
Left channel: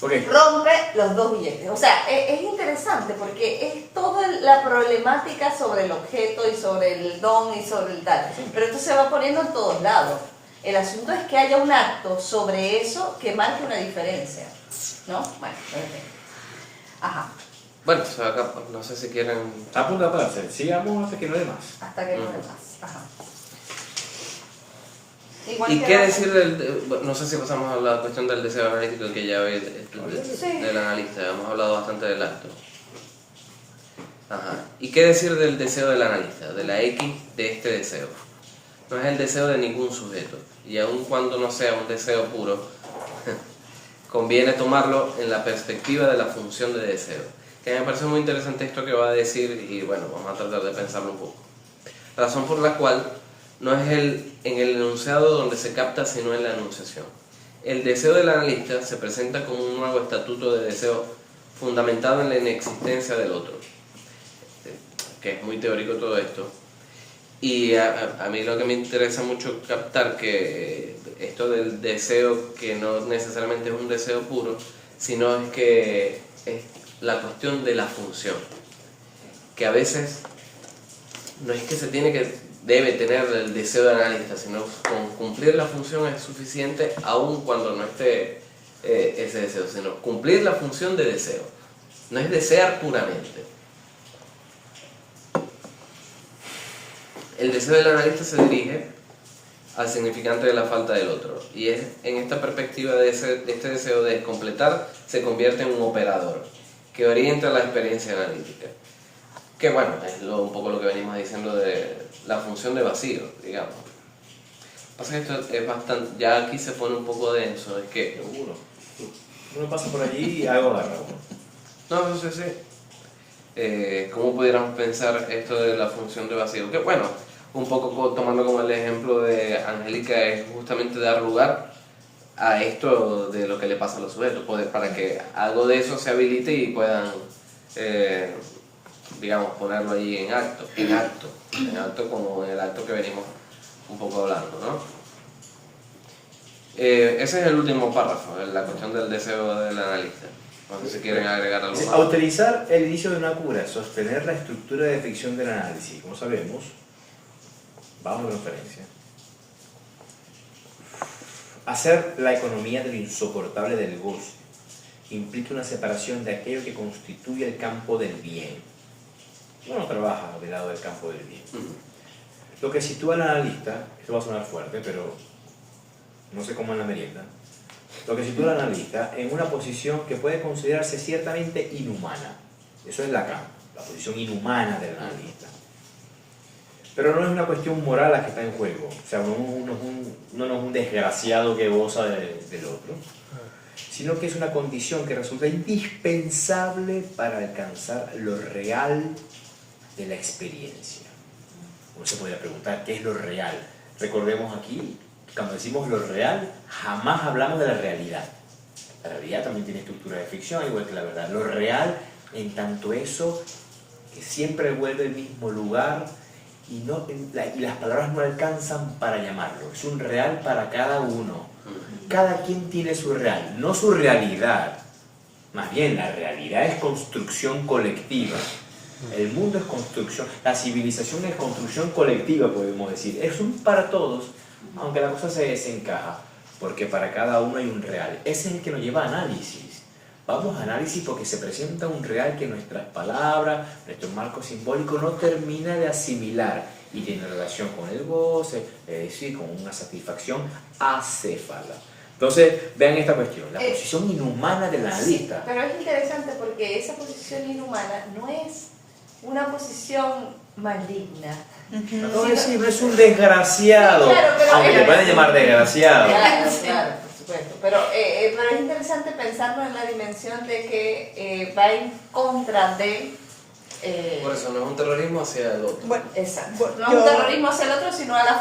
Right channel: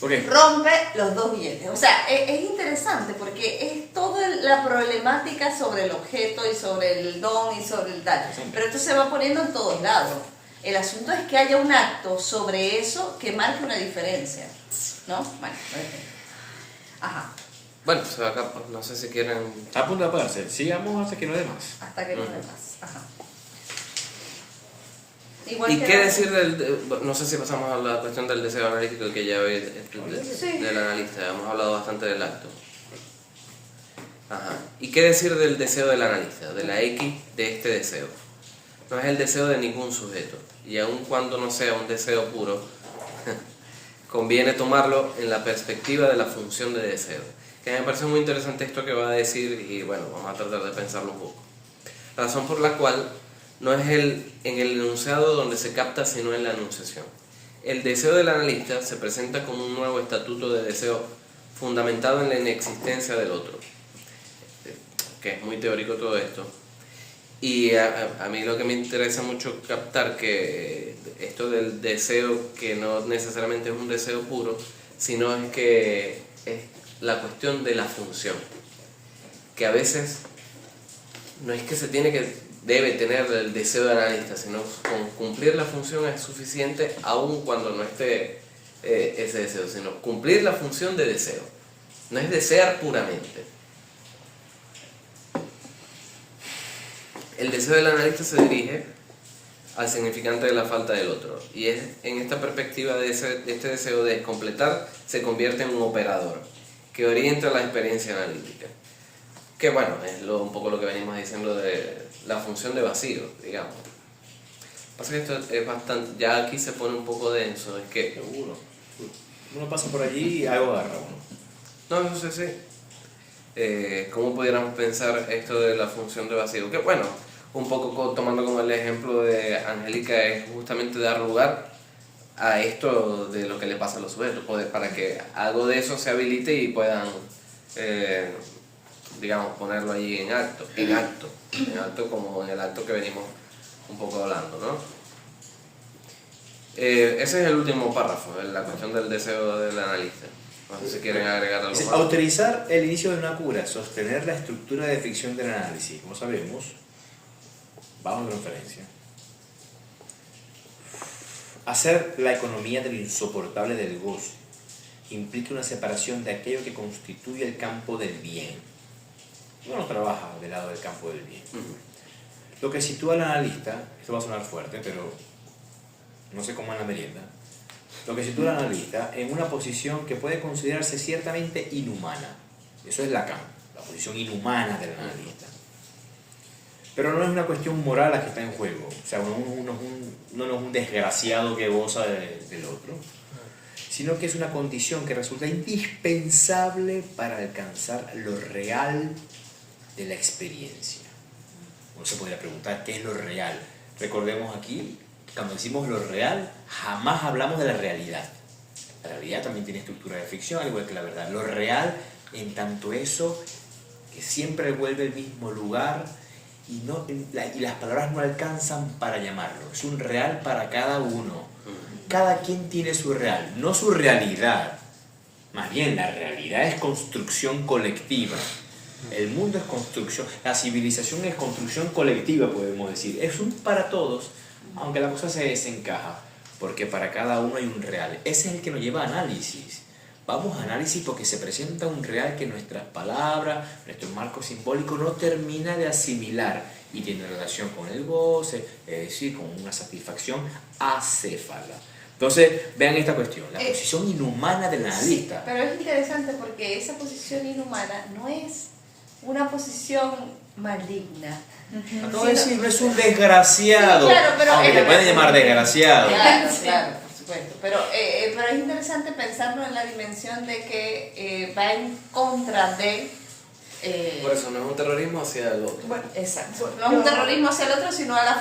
Ok. Rompe los dos billetes. O sea, es interesante porque es toda la problemática sobre el objeto y sobre el don y sobre el tal. Pero esto se va poniendo en todos lados. El asunto es que haya un acto sobre eso que marque una diferencia. ¿No? Bueno, ajá. Bueno, pues acá, no sé si quieren... Está a punto de apagarse. Sigamos hasta que no dé más. Hasta que no dé más. Ajá. Igual ¿Y que qué la- decir no sé si pasamos a la cuestión del deseo analítico que ya ve del analista, hemos hablado bastante del acto. Ajá. ¿Y qué decir del deseo del analista, de la X de este deseo? No es el deseo de ningún sujeto, y aun cuando no sea un deseo puro, conviene tomarlo en la perspectiva de la función de deseo. Que me parece muy interesante esto que va a decir, y bueno, vamos a tratar de pensarlo un poco. Razón por la cual no es en el enunciado donde se capta, sino en la enunciación. El deseo del analista se presenta como un nuevo estatuto de deseo fundamentado en la inexistencia del otro, que es muy teórico todo esto. Y a mí lo que me interesa mucho captar que esto del deseo, que no necesariamente es un deseo puro, sino es que es la cuestión de la función, que a veces no es que debe tener el deseo de analista, sino con cumplir la función es suficiente aun cuando no esté ese deseo, sino cumplir la función de deseo, no es desear puramente. El deseo del analista se dirige al significante de la falta del otro, y es en esta perspectiva de este deseo de completar, se convierte en un operador que orienta la experiencia analítica. Que bueno, es un poco lo que venimos diciendo de la función de vacío, digamos. Pasa que esto es bastante, ya aquí se pone un poco denso, es que Uno pasa por allí y algo agarra. no sé cómo pudiéramos pensar esto de la función de vacío, que bueno, un poco tomando como el ejemplo de Angélica, es justamente dar lugar a esto de lo que le pasa a los sujetos, para que algo de eso se habilite y puedan digamos, ponerlo allí en acto como en el acto que venimos un poco hablando, ¿no? Ese es el último párrafo, la cuestión del deseo del analista. No sé si quieren agregar algo Dice, más. autorizar el inicio de una cura, sostener la estructura de ficción del análisis. Como sabemos, vamos de referencia. Hacer la economía de lo insoportable del goce implica una separación de aquello que constituye el campo del bien. Uno trabaja del lado del campo del bien. Lo que sitúa al analista, esto va a sonar fuerte, pero no sé cómo en la merienda, lo que sitúa al analista en una posición que puede considerarse ciertamente inhumana. Eso es Lacan, la posición inhumana del analista. Pero no es una cuestión moral la que está en juego. O sea, uno no es un desgraciado que goza del otro, sino que es una condición que resulta indispensable para alcanzar lo real de la experiencia. Uno se podría preguntar, ¿qué es lo real? Recordemos aquí, cuando decimos lo real, jamás hablamos de la realidad. La realidad también tiene estructura de ficción, al igual que la verdad. Lo real, en tanto eso, que siempre vuelve al mismo lugar y las palabras no alcanzan para llamarlo. Es un real para cada uno. Cada quien tiene su real, no su realidad. Más bien, la realidad es construcción colectiva. El mundo es construcción, la civilización es construcción colectiva, podemos decir. Es un para todos, aunque la cosa se desencaja, porque para cada uno hay un real. Ese es el que nos lleva a análisis. Vamos a análisis porque se presenta un real que nuestras palabras, nuestro marco simbólico no termina de asimilar y tiene relación con el goce, es decir, con una satisfacción acéfala. Entonces, vean esta cuestión, la posición inhumana del analista. Sí, pero es interesante porque esa posición inhumana no es una posición maligna. No es un desgraciado, Sí, claro, pero aunque te pueden llamar desgraciado. Claro, por supuesto. Pero es interesante pensarlo en la dimensión de que va en contra de... Por eso no es un terrorismo hacia el otro. Bueno, Exacto. No es un terrorismo hacia el otro, sino al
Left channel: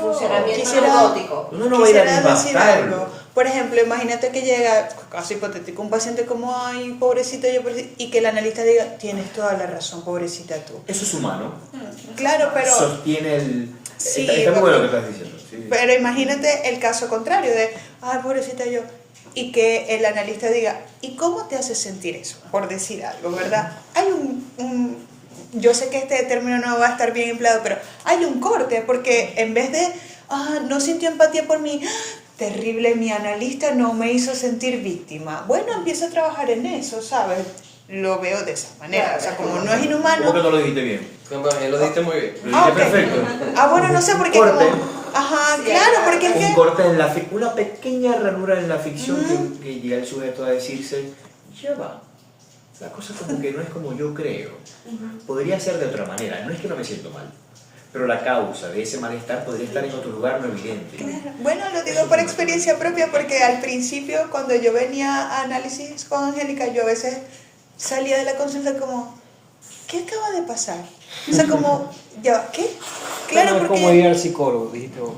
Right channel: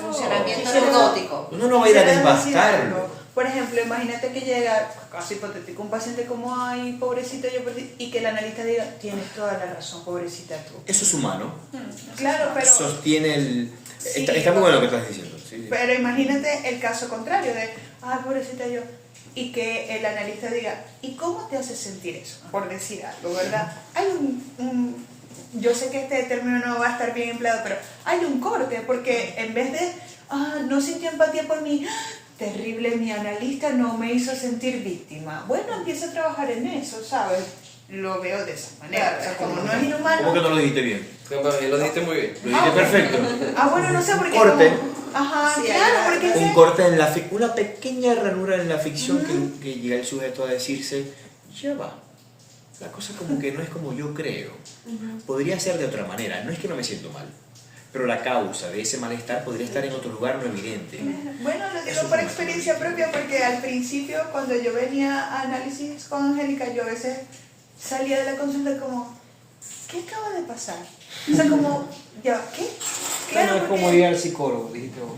funcionamiento quisiera- neurológico. Uno no va a ir a Quisiera decir desbastarlo. algo. Por ejemplo, imagínate que llega, caso hipotético, un paciente como, ay, pobrecito yo, y que el analista diga, tienes toda la razón, pobrecita tú. Eso es humano. Claro, pero... Sostiene el... Sí, está muy bueno lo que estás diciendo. Sí. Pero imagínate el caso contrario de, ay, pobrecita yo, y que el analista diga, ¿y cómo te hace sentir eso? Por decir algo, ¿verdad? Hay yo sé que este término no va a estar bien empleado, pero hay un corte, porque en vez de, no sintió empatía por mí, terrible, mi analista no me hizo sentir víctima. Bueno, empiezo a trabajar en eso, ¿sabes? Lo veo de esa manera, o sea, como no es inhumano... ¿Cómo que no lo dijiste bien? Lo dijiste muy bien. Lo dijiste ok. perfecto. Bueno, no sé, porque Corte. como... Ajá, Sí, claro, hay porque es Un que... corte en una pequeña ranura en la ficción que llega el sujeto a decirse, ya va, la cosa como que no es como yo creo. Podría ser de otra manera, no es que no me siento mal, pero la causa de ese malestar podría estar en otro lugar no evidente. Bueno, lo digo Eso por es experiencia propia porque al principio cuando yo venía a análisis con Angélica yo a veces salía de la consulta como ¿qué acaba de pasar? O sea, como, ya va, ¿qué? Claro, No es como porque... ir al psicólogo, dijiste vos.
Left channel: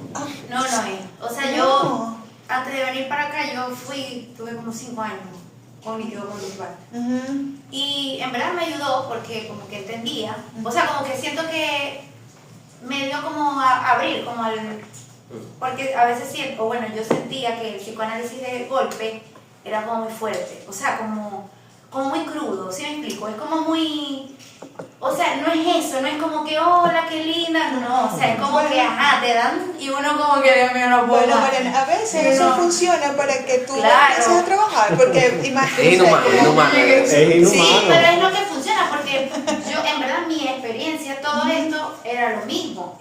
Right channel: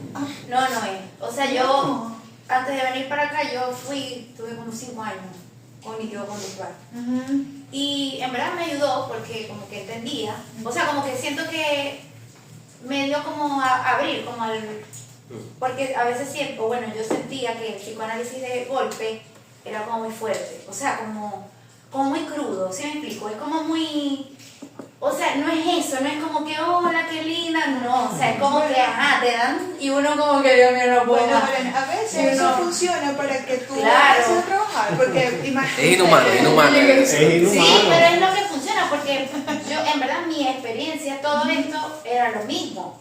No, o sea, yo antes de venir para acá yo tuve como 5 años cognitivo conductual. Y en verdad me ayudó porque como que entendía, o sea, como que siento que me dio como a abrir, como al... Porque a veces siento, bueno, yo sentía que el psicoanálisis de golpe era como muy fuerte, o sea, como muy crudo, ¿sí me explico? Es como muy... O sea, no es eso, no es como que, hola, qué linda, no, o sea, es como que, ajá, te dan y uno como que, Dios mío, no puedo Bueno, más. Belén, a veces Sí, eso no. funciona para que tú Claro. empieces a trabajar, porque Es imagínate... inhumano, inhumano. Es inhumano. Sí, pero es lo que funciona, porque yo, en verdad, mi experiencia, todo esto era lo mismo.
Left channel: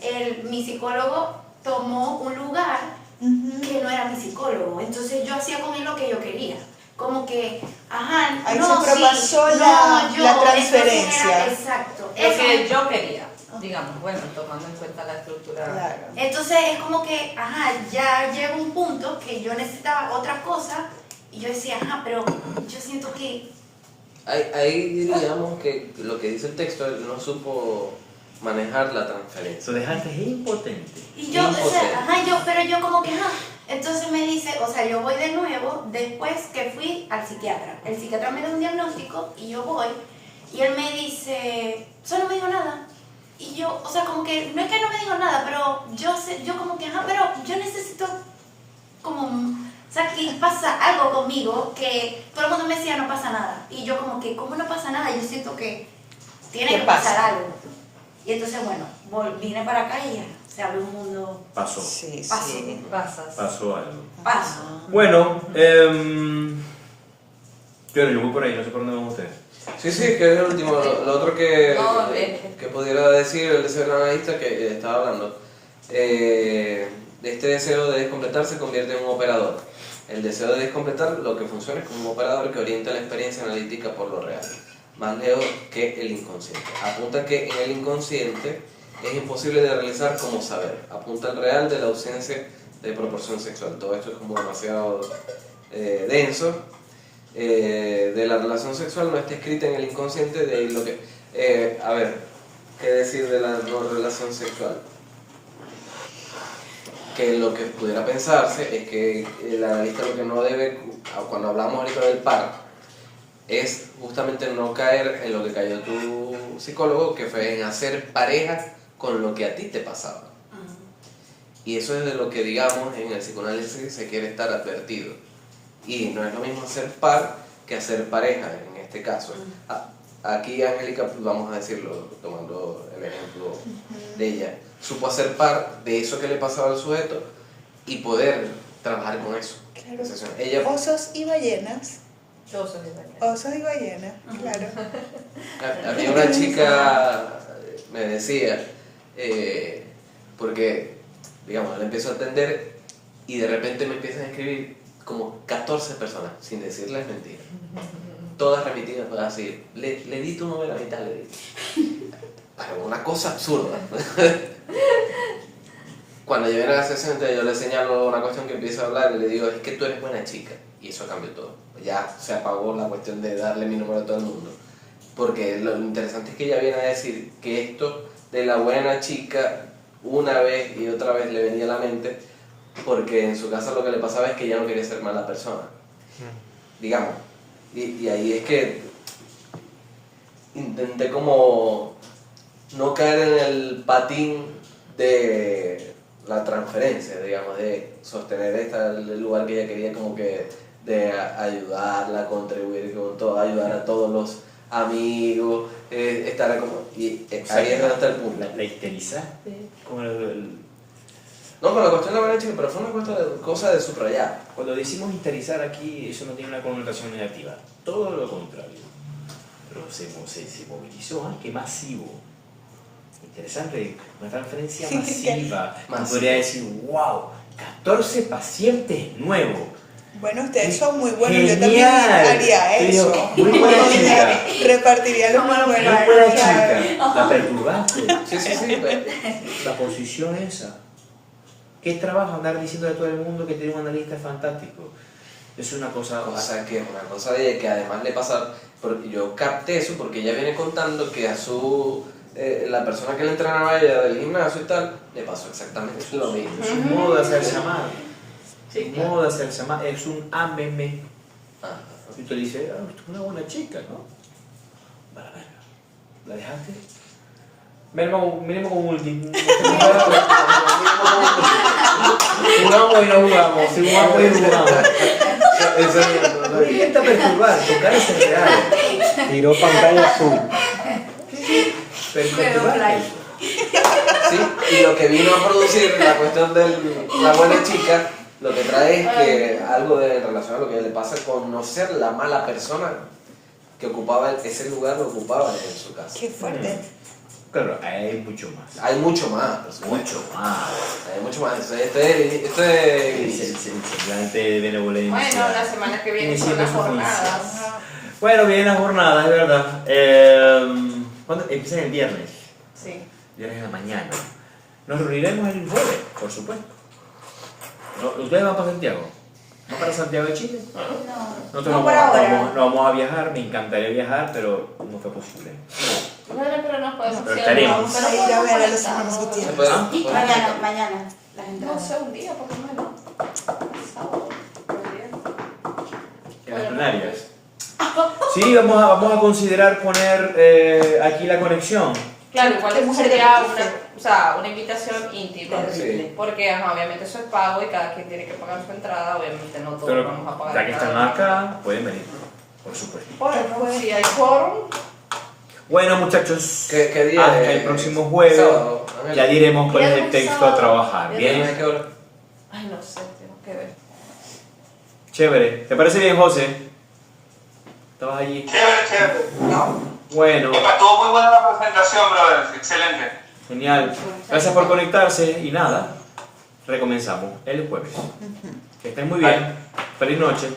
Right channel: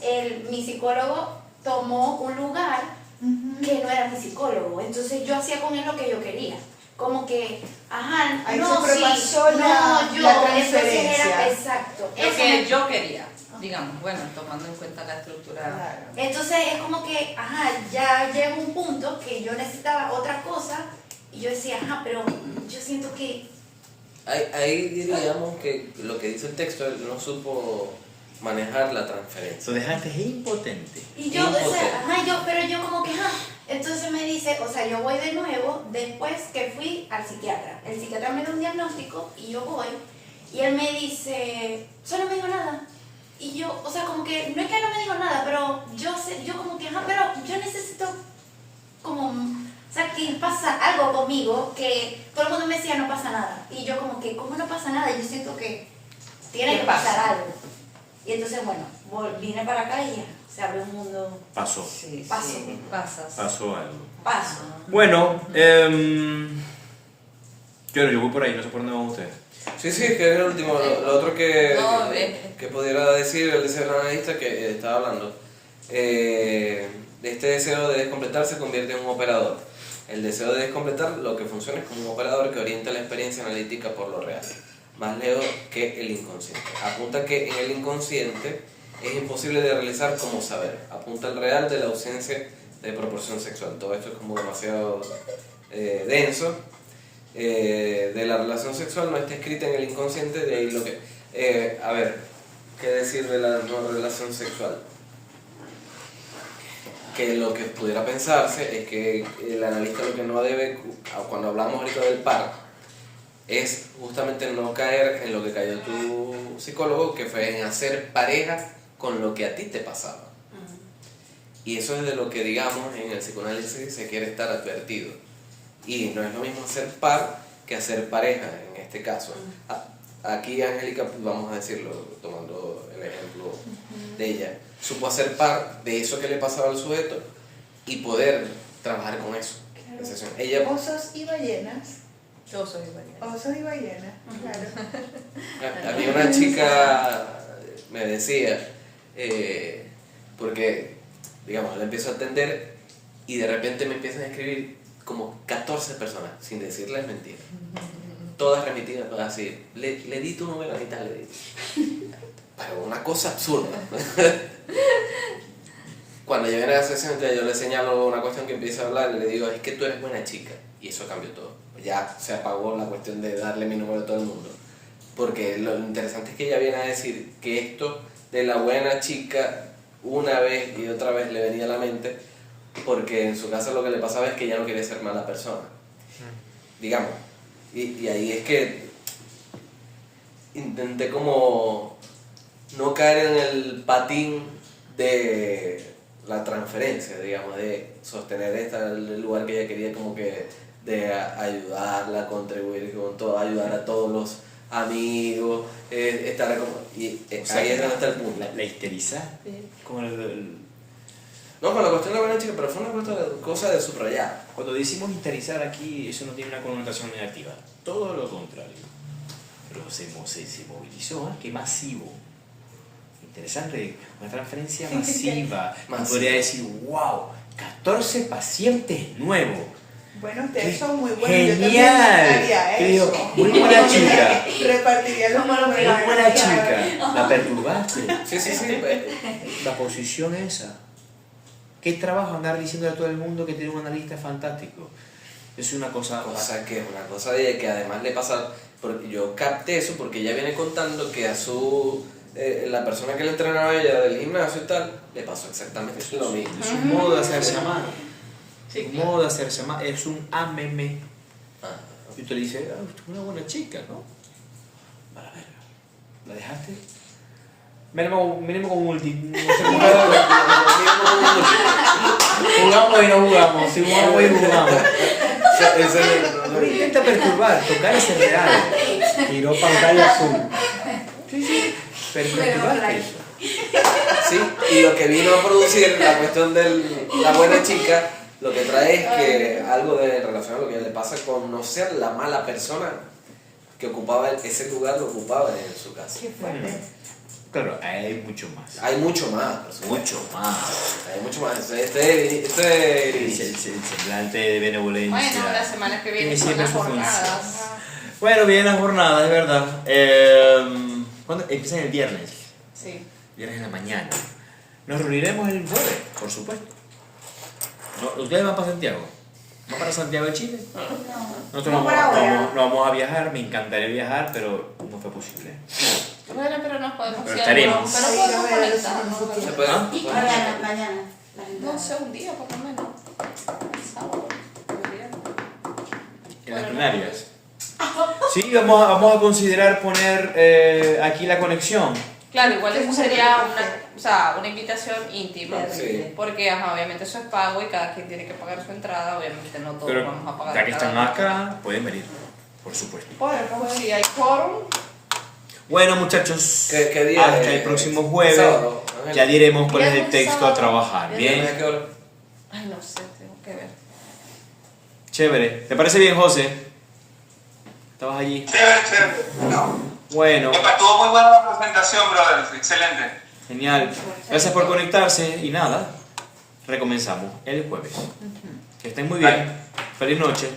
Mi psicólogo tomó un lugar que no era mi psicólogo, entonces yo hacía con él lo que yo quería. Como que, ajá, Ahí no, se sí, propasó no, la entonces transferencia. exacto. Es Eso. que yo quería, digamos, bueno, tomando en cuenta la estructura. Claro. Entonces es como que, ajá, ya llega un punto que yo necesitaba otra cosa y yo decía, ajá, pero yo siento que... Ahí diríamos que lo que dice el texto, él no supo manejar la transferencia. Lo dejaste impotente. Y yo, o Impotente. sea, ajá, pero yo como que, ajá. Entonces me dice, o sea, yo voy de nuevo después que fui al psiquiatra. El psiquiatra me da un diagnóstico y yo voy y él me dice, eso no me dijo nada. Y yo, o sea, como que, no es que no me dijo nada, pero yo como que, ajá, pero yo necesito como, o sea, que pasa algo conmigo que todo el mundo me decía no pasa nada. Y yo como que, ¿cómo no pasa nada? Yo siento que tiene ¿Qué que pasa? pasar algo. Y entonces, bueno, vine para acá y ya, se abrió un mundo, Pasó. Sí, Paso. sí. Pasas. Pasó algo. paso. Bueno, yo voy por ahí, no sé por dónde van ustedes. Sí, sí, que es el último. Lo otro No, que pudiera decir el deseo del analista que estaba hablando. Este deseo de descompletar se convierte en un operador. El deseo de descompletar lo que funciona es como un operador que orienta la experiencia analítica por lo real, más lejos que el inconsciente. Apunta que en el inconsciente es imposible de realizar como saber. Apunta al real de la ausencia de proporción sexual. Todo esto es como demasiado denso. De la relación sexual no está escrita en el inconsciente, de ahí lo que... a ver, ¿qué decir de la no relación sexual? Que lo que pudiera pensarse es que el analista lo que no debe, cuando hablamos ahorita del par, es justamente no caer en lo que cayó tu psicólogo, que fue en hacer pareja con lo que a ti te pasaba. Y eso es de lo que, digamos, en el psicoanálisis se quiere estar advertido. Y no es lo mismo hacer par que hacer pareja, en este caso. Aquí Angélica, vamos a decirlo, tomando el ejemplo de ella, supo hacer par de eso que le pasaba al sujeto y poder trabajar con eso. Claro. Ella, Osos y ballenas. Yo soy de verdad. Osos y ballenas, claro. a mí una chica me decía, porque, digamos, la empiezo a atender y de repente me empiezan a escribir como 14 personas, sin decirles mentiras. Todas remitidas, pues así, le di tu número a mitad, le di. Pero una cosa absurda. Cuando yo viene a la sesión, entonces yo le señalo una cuestión que empieza a hablar y le digo, es que tú eres buena chica. Y eso cambió todo. Ya se apagó la cuestión de darle mi número a todo el mundo. Porque lo interesante es que ella viene a decir que esto de la buena chica, una vez y otra vez le venía a la mente, porque en su casa lo que le pasaba es que ella no quería ser mala persona. Digamos. Y ahí es que intenté como no caer en el patín de la transferencia, digamos, de sostener el lugar que ella quería, como que de ayudarla, contribuir con todo, ayudar a todos los amigos, estar como... Y ahí es donde está el punto. La histerizaste con No, con la cuestión de la buena chica, pero fue una cosa de subrayar. Cuando decimos histerizar aquí, eso no tiene una connotación negativa. Todo lo contrario. Pero se movilizó, ¿eh? Qué masivo. Interesante, una transferencia masiva. Podría decir, wow, 14 pacientes nuevos. Bueno, ustedes son muy buenos. Yo también Genial. haría eso. Muy buena chica. Repartiría los números. Muy buena chica. La perturbaste. Sí, pues. La posición esa. ¿Qué trabajo andar diciendo a todo el mundo que tiene un analista fantástico? Es una cosa... Una cosa de ella que además le pasa... Yo capté eso porque ella viene contando que a su... la persona que le entrenaba a ella del gimnasio y tal, le pasó exactamente lo mismo. Es un modo de hacerse amar. Sí, Un modo de hacerse amar. Es un ámeme. Ah, Y tú le dices, ah, usted es una buena chica, ¿no? Para ver. ¿La dejaste? Miremos como último. Jugamos y no jugamos. Si jugamos y no jugamos. Pero intenta perturbar, tocar ese real. Tiró pantalla azul. Sí. Perturbar eso. sí, y lo que vino a producir la cuestión de la buena chica, lo que trae es que algo de relación a lo que le pasa con no ser la mala persona que ocupaba ese lugar, lo ocupaba en su casa. Qué fuerte. Claro, hay mucho más. Hay mucho más, por supuesto. Mucho más. Hay mucho más. Este El semblante de benevolencia. Bueno, la semana que viene Y son siempre las su jornadas. Bueno, vienen las jornadas, es verdad. ¿Cuándo? Empiezan el viernes. Sí. Viernes en la mañana. Nos reuniremos el jueves, por supuesto. ¿Ustedes van para Santiago? ¿Van para Santiago de Chile? Nosotros No por ahora. no vamos a viajar, me encantaría viajar, pero no fue posible. Bueno, pero nos podemos Pero ir estaremos. pero Vamos a ir a podemos ver a los conectarnos. hermanos Gutiérrez. Se puede- ¿Ah? puede- Mañana. La gente No sé, un día por lo menos. Sábado. Podría. En las plenarias. Sí, vamos a considerar poner aquí la conexión Claro, igual ¿Qué eso mujeres sería dijiste? una invitación íntima. Sí. Porque obviamente eso es pago y cada quien tiene que pagar su entrada, obviamente no todos Pero vamos a pagar. ya que están entrada. acá, pueden venir, por supuesto. Bueno, pues si hay quórum, Bueno, muchachos, ¿Qué día hasta es? el próximo jueves Sábado. ya diremos cuál es el Viernes, texto a sábado. trabajar. Viernes. Bien, ¿Qué hora? ay no sé, tengo que ver. chévere. ¿Te parece bien, José? ¿Estabas allí? Chévere. Bueno, Estuvo muy buena la presentación, brother. Excelente. genial. Gracias por conectarse y nada, recomenzamos el jueves. Que estén muy bien. Feliz noche.